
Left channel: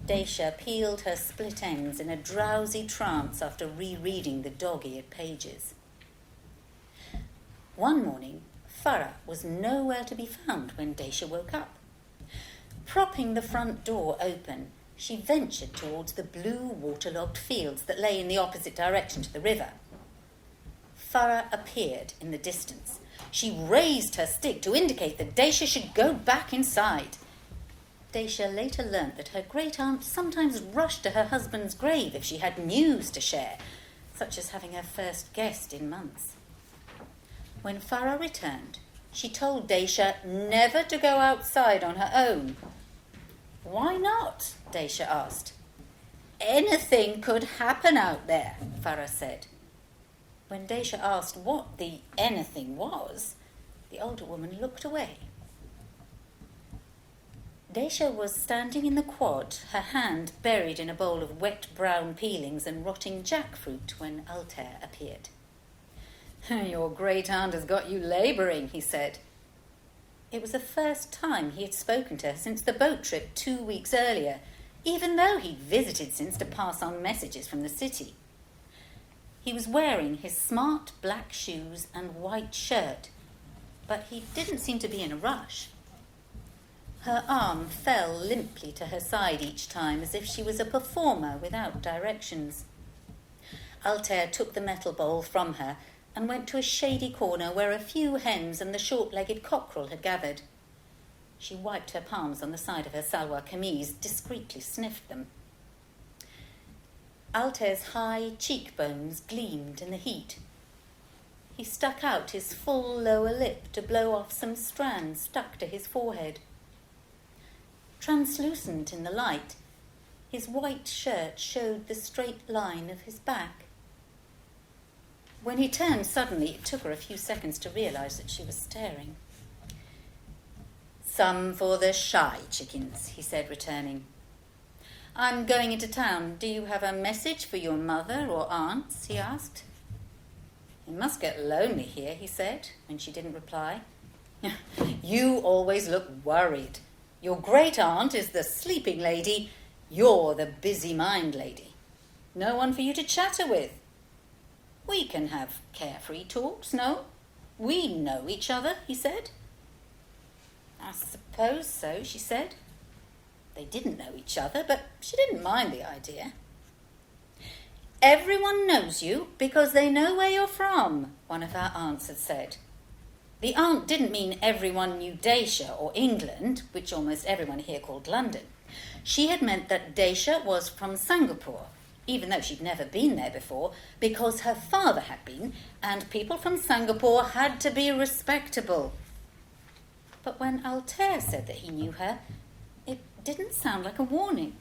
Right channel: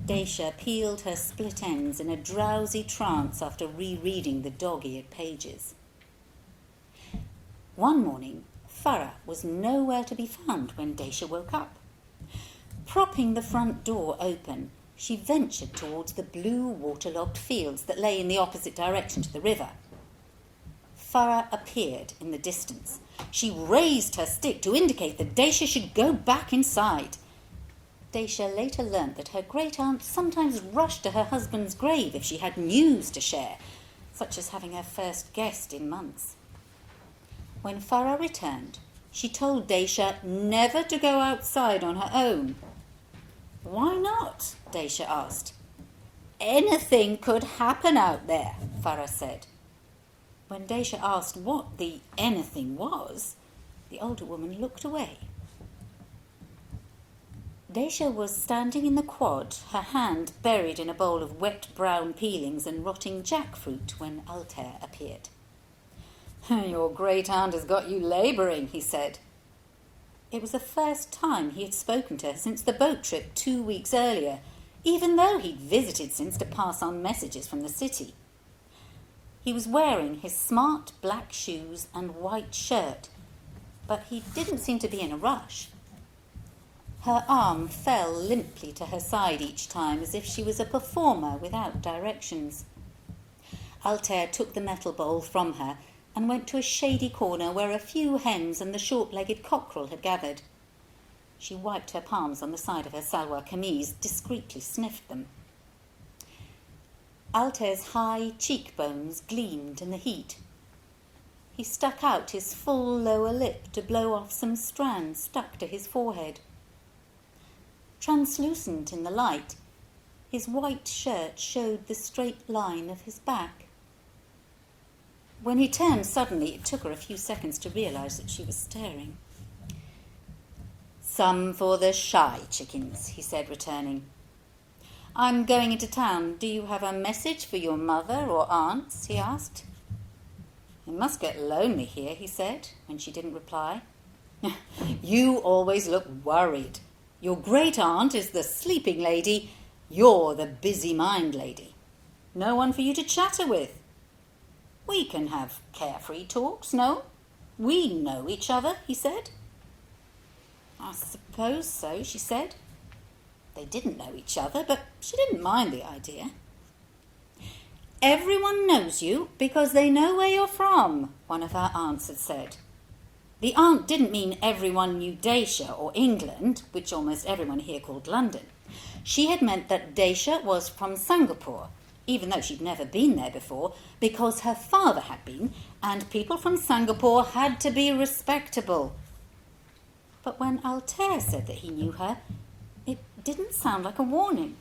Daisha peeled her split ends in a drowsy trance after rereading the dog-eared pages. One morning, Farah was nowhere to be found when Daisha woke up. Propping the front door open, she ventured towards the blue waterlogged fields that lay in the opposite direction to the river. Farah appeared in the distance. She raised her stick to indicate that Daisha should go back inside. Daisha later learnt that her great-aunt sometimes rushed to her husband's grave if she had news to share, such as having her first guest in months. When Farah returned, she told Daisha never to go outside on her own. "Why not?" Daisha asked. "Anything could happen out there," Farah said. When Daisha asked what the anything was, the older woman looked away. Daisha was standing in the quad, her hand buried in a bowl of wet brown peelings and rotting jackfruit when Altair appeared. "Your great-aunt has got you labouring," he said. It was the first time he had spoken to her since the boat trip 2 weeks earlier, even though he'd visited since to pass on messages from the city. He was wearing his smart black shoes and white shirt, but he didn't seem to be in a rush. Her arm fell limply to her side each time, as if she was a performer without directions. Altair took the metal bowl from her and went to a shady corner where a few hens and the short-legged cockerel had gathered. She wiped her palms on the side of her salwar kameez, discreetly sniffed them. Altair's high cheekbones gleamed in the heat. He stuck out his full lower lip to blow off some strands stuck to his forehead. Translucent in the light, his white shirt showed the straight line of his back. When he turned suddenly, it took her a few seconds to realise that she was staring. "Some for the shy chickens," he said, returning. "I'm going into town. Do you have a message for your mother or aunts?" he asked. "It must get lonely here," he said, when she didn't reply. "You always look worried. Your great-aunt is the sleeping lady. You're the busy mind lady. No one for you to chatter with. We can have carefree talks, no? We know each other," he said. "I suppose so," she said. They didn't know each other, but she didn't mind the idea. "Everyone knows you because they know where you're from," one of her aunts had said. The aunt didn't mean everyone knew Daisha or England, which almost everyone here called London. She had meant that Daisha was from Singapore, even though she'd never been there before, because her father had been, and people from Singapore had to be respectable. But when Altair said that he knew her, it didn't sound like a warning.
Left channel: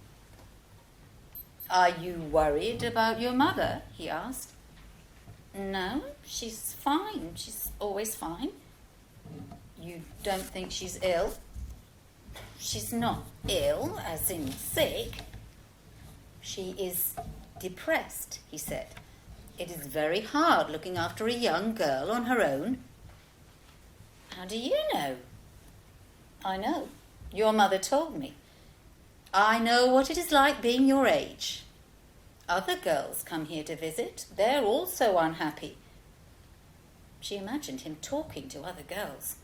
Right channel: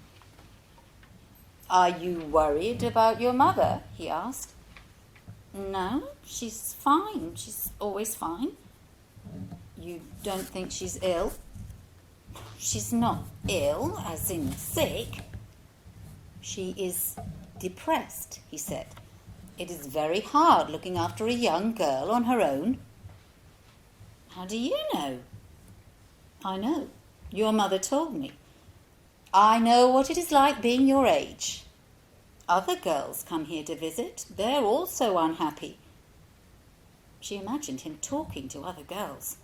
"Are you worried about your mother?" he asked. "No, she's fine. She's always fine." "You don't think she's ill?" "She's not ill, as in sick." "She is depressed," he said. "It is very hard looking after a young girl on her own." "How do you know?" "I know. Your mother told me. I know what it is like being your age. Other girls come here to visit. They're also unhappy." She imagined him talking to other girls.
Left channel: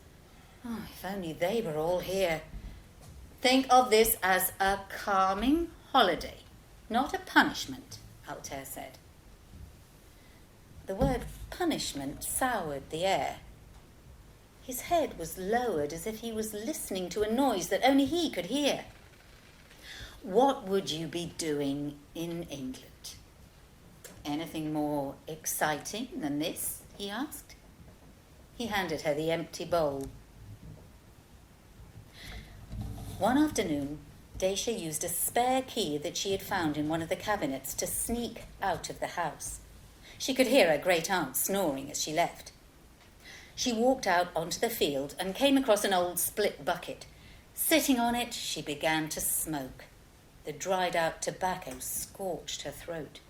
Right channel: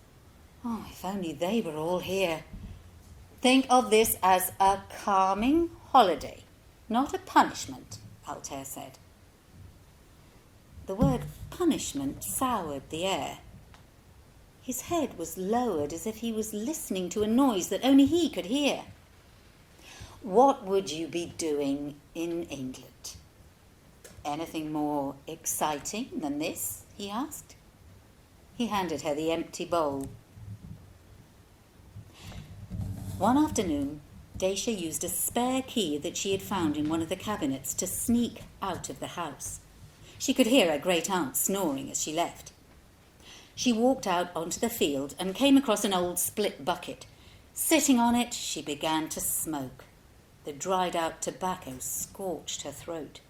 Oh, if only they were all here. Think of this as a calming holiday, not a punishment, Altair said. The word punishment soured the air. His head was lowered as if he was listening to a noise that only he could hear. What would you be doing in England? Anything more exciting than this? He asked. He handed her the empty bowl. One afternoon, Dacia used a spare key that she had found in one of the cabinets to sneak out of the house. She could hear her great-aunt snoring as she left. She walked out onto the field and came across an old split bucket. Sitting on it, she began to smoke. The dried-out tobacco scorched her throat.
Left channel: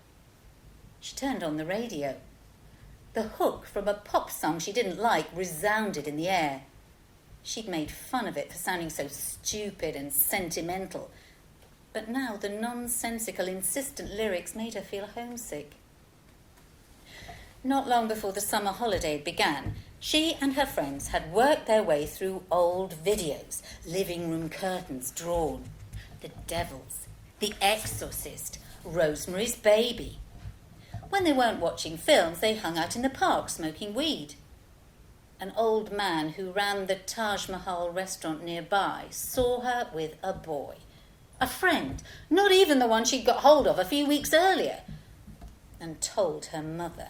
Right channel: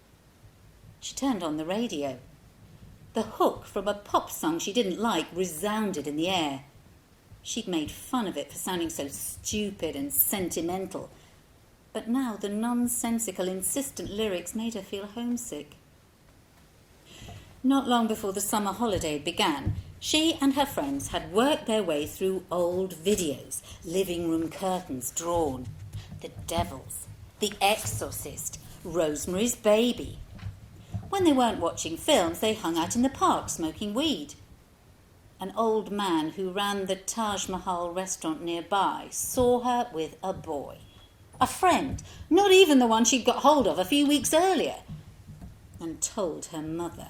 She turned on the radio. The hook from a pop song she didn't like resounded in the air. She'd made fun of it for sounding so stupid and sentimental, but now the nonsensical, insistent lyrics made her feel homesick. Not long before the summer holiday began, she and her friends had worked their way through old videos, living room curtains drawn, The Devils, The Exorcist, Rosemary's Baby. When they weren't watching films, they hung out in the park smoking weed. An old man who ran the Taj Mahal restaurant nearby saw her with a boy, a friend, not even the one she'd got hold of a few weeks earlier, and told her mother.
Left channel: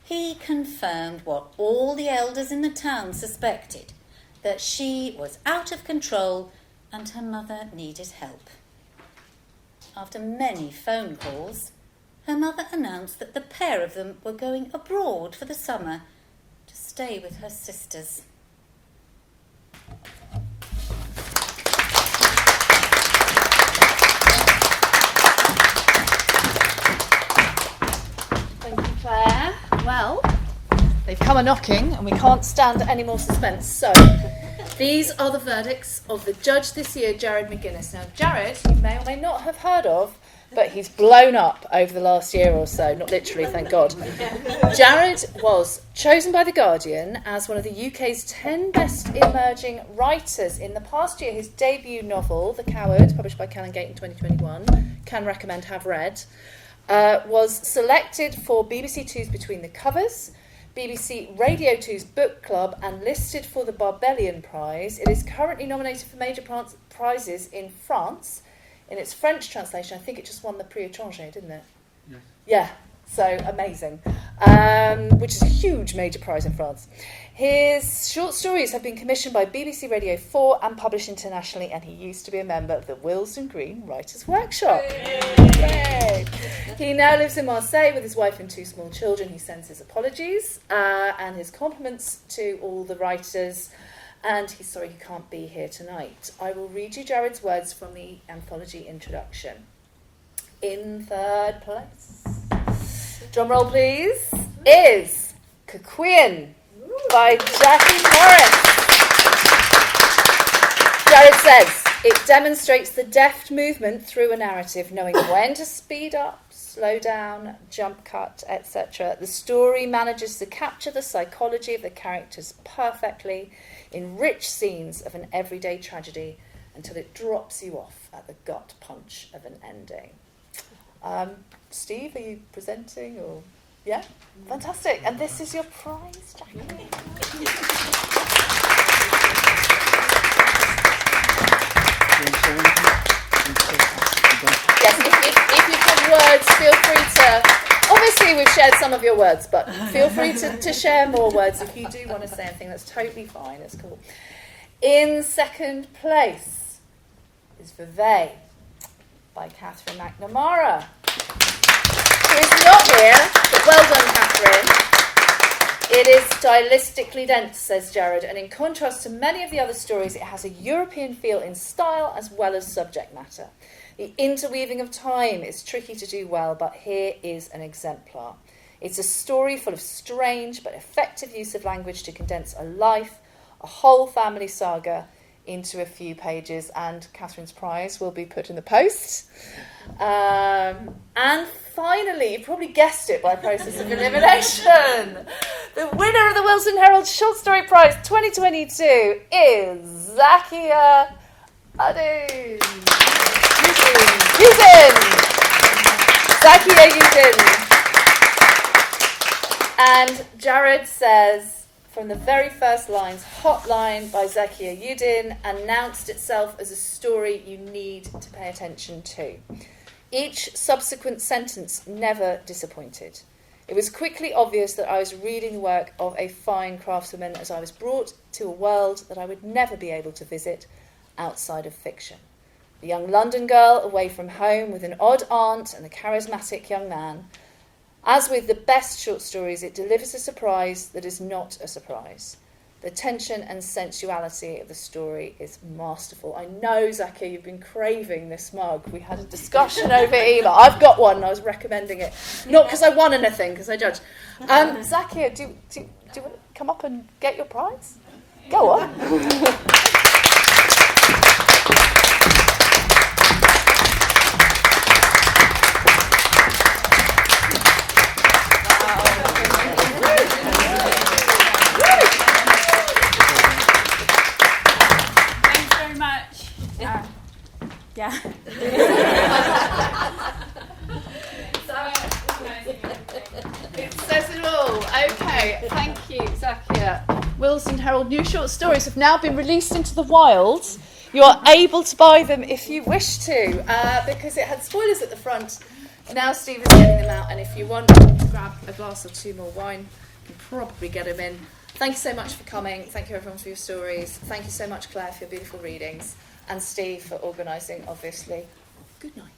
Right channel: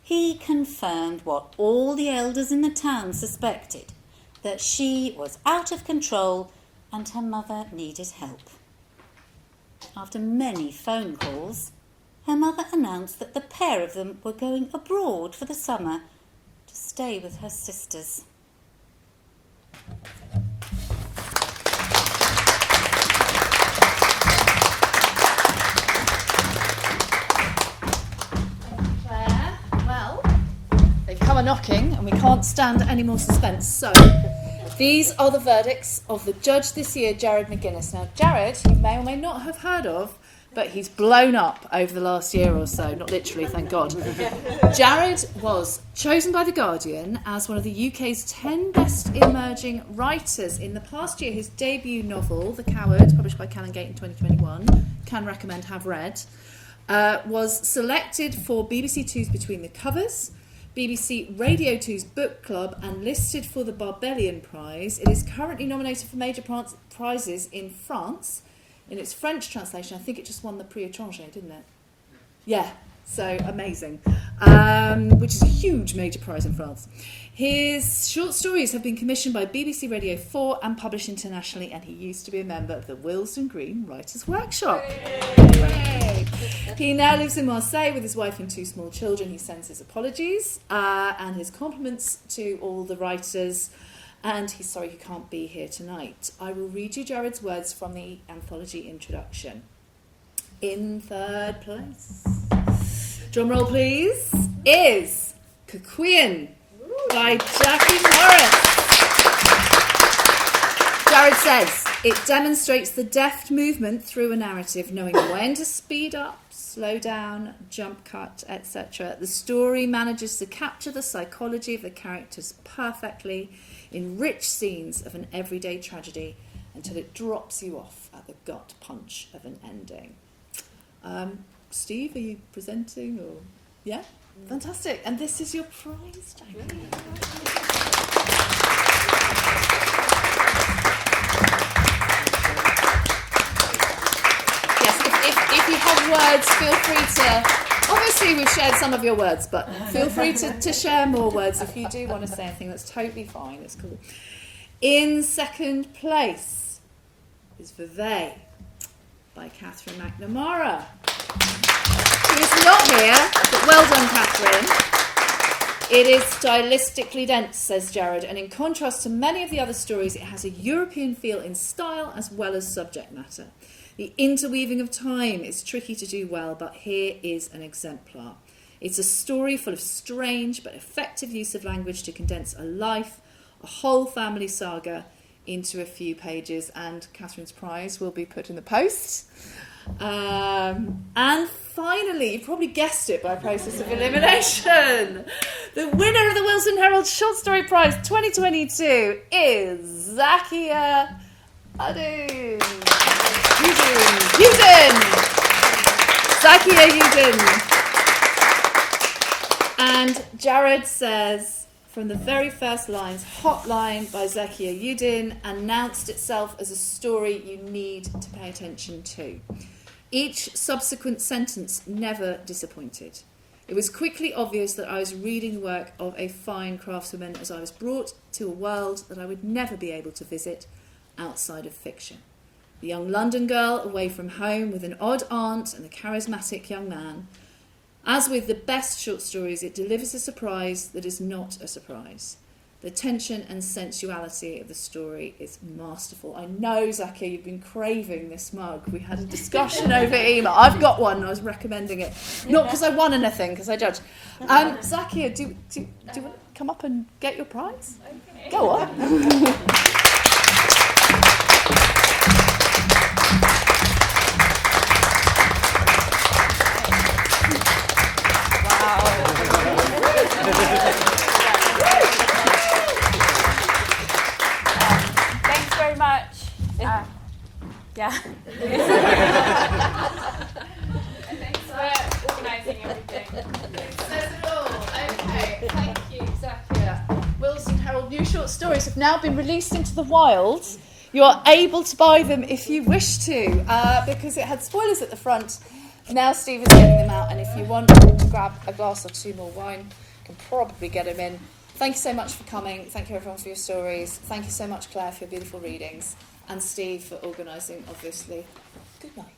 He confirmed what all the elders in the town suspected, that she was out of control and her mother needed help. After many phone calls, her mother announced that the pair of them were going abroad for the summer to stay with her sisters. Thank you, Claire. Well, they've come a-knocking and we can't stand any more suspense. So, these are the verdicts of the judge this year, Jared McGuinness. Now, Jared, you may or may not have heard of, but he's blown up over the last year or so, not literally, thank God. Jared was chosen by The Guardian as one of the UK's 10 best emerging writers. In the past year, his debut novel, The Coward, published by Canongate in 2021, can recommend, have read, was selected for BBC Two's Between the Covers, BBC Radio 2's Book Club, and listed for the Barbellion Prize. It is currently nominated for major prizes in France. In its French translation, I think it just won the Prix Étranger, didn't it? Yeah, so amazing. Which is a huge major prize in France. His short stories have been commissioned by BBC Radio 4 and published internationally, and he used to be a member of the Willesden Green Writers' Workshop. Yay. He now lives in Marseille with his wife and 2 small children. He sends his apologies and his compliments to all the writers, and he's sorry he can't be here tonight. I will read you Jared's words from the anthology introduction. In third place, drum roll please, is Cuckquean by Jackie Morris. Jared says, it demonstrates the deft movement through a narrative, knowing when to speed up, slow down, jump cut, etc. The story manages to capture the psychology of the characters perfectly in rich scenes of an everyday tragedy until it drops you off at the gut punch of an ending. Steve, are you presenting or? Yeah? Fantastic. And this is your prize, Jackie. Yes, if you have words, feel free to... Obviously, we've shared some of your words, but feel free to share more words if you do want to say anything. That's totally fine. It's cool. In second place is Vevey by Catherine McNamara, who is not here, but well done, Catherine. It is stylistically dense, says Jared, and in contrast to many of the other stories, it has a European feel in style as well as subject matter. The interweaving of time is tricky to do well, but here is an exemplar. It's a story full of strange but effective use of language to condense a life, a whole family saga, into a few pages, and Catherine's prize will be put in the post. And finally, you probably guessed it by process of elimination, the winner of the Willesden Herald Short Story Prize 2022 is Zakia Udin. Zakia Udin. And Jared says, from the very first lines, Hotline by Zakia Udin announced itself as a story you need to pay attention to. Each subsequent sentence never disappointed. It was quickly obvious that I was reading the work of a fine craftswoman as I was brought to a world that I would never be able to visit outside of fiction. The young London girl away from home with an odd aunt and a charismatic young man. As with the best short stories, it delivers a surprise that is not a surprise. The tension and sensuality of the story is masterful. I know, Zakia, you've been craving this mug. We had a discussion over email. I've got one and I was recommending it. Not because I won anything, because I judged. Zakia, do you want to come up and get your prize? Okay. Go on. Willesden Herald new short stories have now been released into the wild. You are able to buy them if you wish to, because it had spoilers at the front. Now Steve is getting them out, and if you want to grab a glass or two more wine, you can probably get them in. Thank you so much for coming. Thank you everyone for your stories. Thank you so much, Claire, for your beautiful readings, and Steve for organising, obviously. Good night.